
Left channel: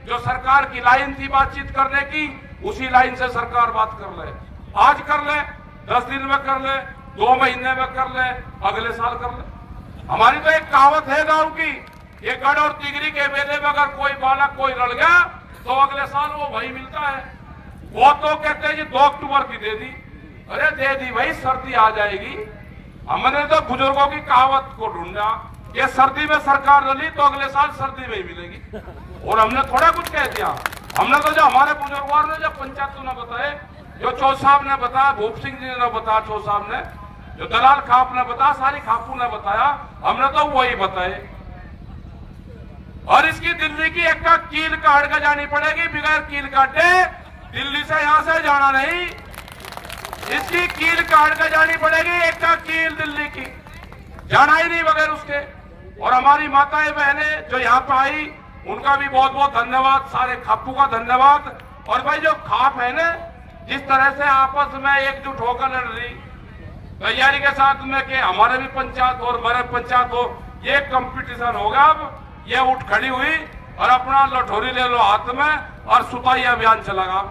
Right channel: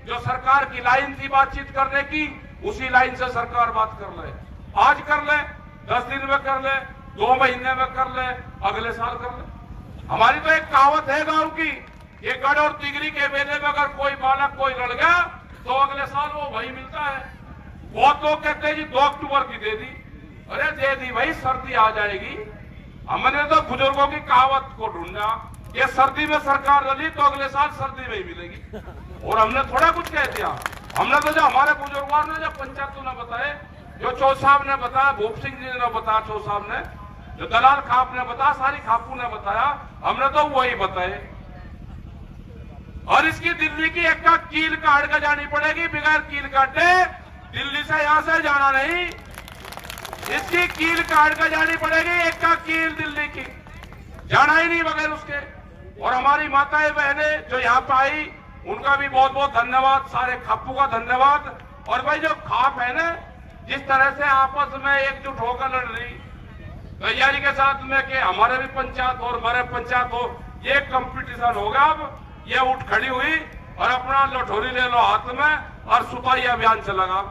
जो सरकार की लाइन थी बातचीत करने की, उसी लाइन से सरकार बात कर ले। आज कर ले, 10 दिन में कर ले, 2 महीने में कर ले, अगले साल कर ले। हमारी तो एक कहावत है गांव की, ये गढ़ और तिगरी के मेले में अगर कोई बालक कोई लड़ गया तो अगले साल वो वही मिलता है। वो तो कहते हैं कि 2 अक्टूबर की दे दी, अरे दे दी भाई, सर्दी आ जाएगी। हमने तो बुजुर्गों की कहावत को ढूंढा, ये सर्दी में सरकार रली तो अगले साल सर्दी में ही मिलेगी। और हमने थोड़ा कुछ कह दिया, हमने तो जो हमारे बुजुर्गों ने, जो पंचायतों ने बताए, जो चौ साहब ने बताया, भूप सिंह जी ने बताया, चौ साहब ने, जो दलाल खाप ने बताया, सारी खापू ने बताया, हमने तो वही बताए। और इसकी दिल्ली की एक कील काट के जानी पड़ेगी, बगैर कील काटे दिल्ली से यहां से जाना नहीं। इसकी कील काट के जानी पड़ेगी, एक कील दिल्ली की जाना ही नहीं बगैर उसके। और हमारी माताएं बहनें जो यहाँ पर आई, उनका भी बहुत बहुत धन्यवाद, सारे खापू का धन्यवाद। और भाई जो खाप है ना, जिस तरह से आपस में एकजुट होकर लड़ रही, तैयारी के साथ में कि हमारे भी पंचायत और मेरे पंचायत हो, ये कंपटीशन होगा। अब ये उठ खड़ी हुई और अपना लठोरी ले लो हाथ में और सुपारी अभियान चलागा।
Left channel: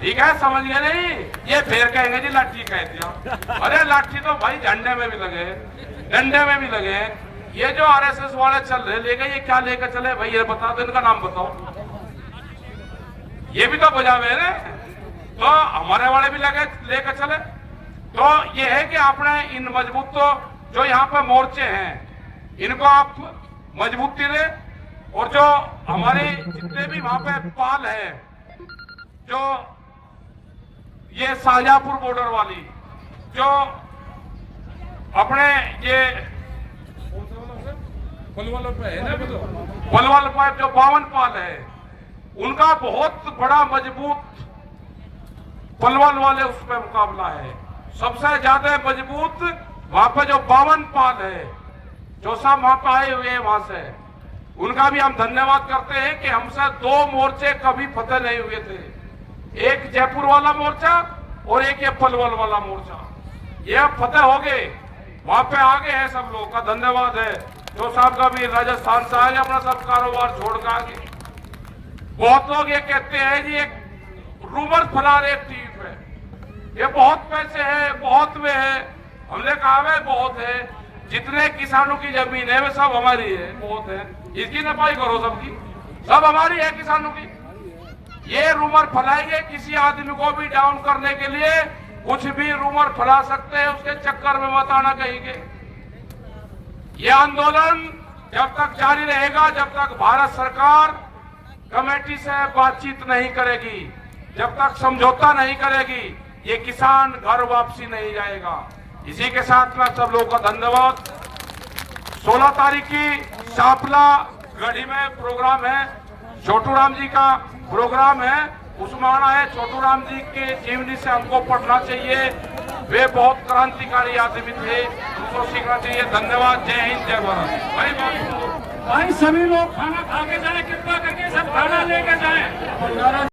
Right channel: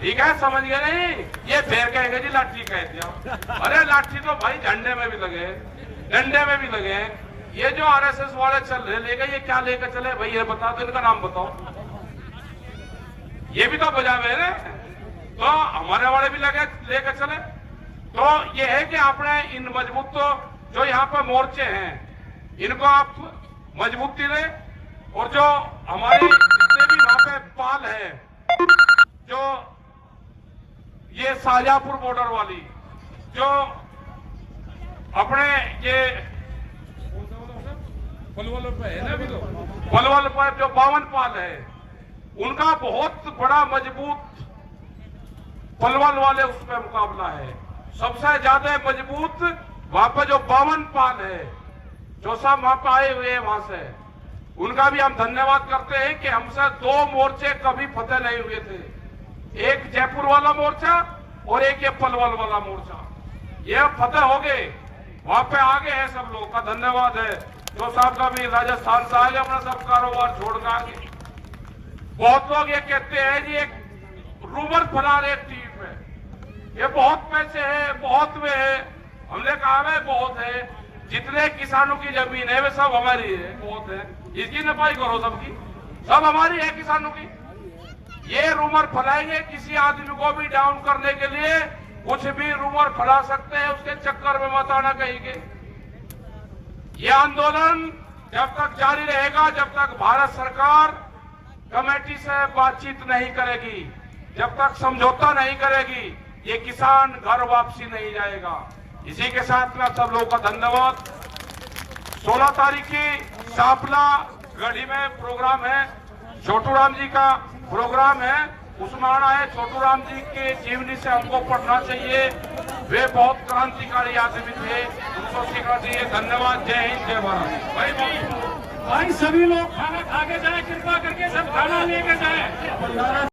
ठीक है, समझ गए नहीं? ये फिर कहेंगे जी लाठी कह दिया। अरे लाठी तो भाई झंडे में भी लगे, डंडे में भी लगे। ये जो आरएसएस वाले चल रहे ले गए, ये क्या लेकर चले भाई, ये बता दो, इनका नाम बताओ। ये भी तो बजा हुए हैं, तो हमारे वाले भी लगे लेकर चले। तो ये है कि आपने इन मजबूत, तो जो यहाँ पर मोर्चे हैं, इनको आप मजबूती दें। और जो हमारी जितने भी वहां पे पाल है, जो ये शाहजहांपुर बॉर्डर वाली, जो अपने ये पलवल पर जो 52 पाल है, उनका बहुत बड़ा मजबूत पलवल वाले उसमें मुकाबला है। सबसे ज्यादा मजबूत वहां पर जो 52 पाल है, जो सब वहां पर आए हुए हैं वहां से, उनका भी हम धन्यवाद करते हैं कि हमसे 2 मोर्चे कभी फतेह नहीं हुए थे, एक जयपुर वाला मोर्चा और एक ये पलवल वाला मोर्चा। ये अब फतेह हो गए, वहां पे आगे है, सब लोग का धन्यवाद है। तो साहब का भी राजस्थान से आगे अपना सब कारोबार छोड़ के आगे। बहुत लोग ये कहते हैं जी एक रूमर फैला रहे टीम है, ये बहुत पैसे है, बहुत में है। हमने कहा है बहुत है, जितने किसानों की जमीन है वे सब हमारी है, बहुत है, इसकी नपाई करो सबकी, सब हमारी है किसानों की। ये रूमर फैलाएंगे किसी आदमी को भी डाउन करने के लिए, कुछ भी रूमर फैला सकते हैं, उसके चक्कर में मत आना कहेंगे। ये आंदोलन जब तक जारी रहेगा, जब तक भारत सरकार कमेटी से बातचीत नहीं करेगी, जब तक समझौता नहीं करेगी, ये किसान घर वापसी नहीं जाएगा। इसी के साथ में सब लोगों का धन्यवाद। 16 तारीख की शापला गढ़ी में प्रोग्राम है, छोटू राम जी का प्रोग्राम है, उसमें आना है। छोटू राम जी के जीवनी से हमको पढ़ना चाहिए, वे बहुत क्रांतिकारी आदमी थे, उनको सीखना चाहिए। धन्यवाद। जय हिंद, जय भारत। भाई सभी लोग खाना खा के जाए, कृपा करके सब खाना लेकर जाए।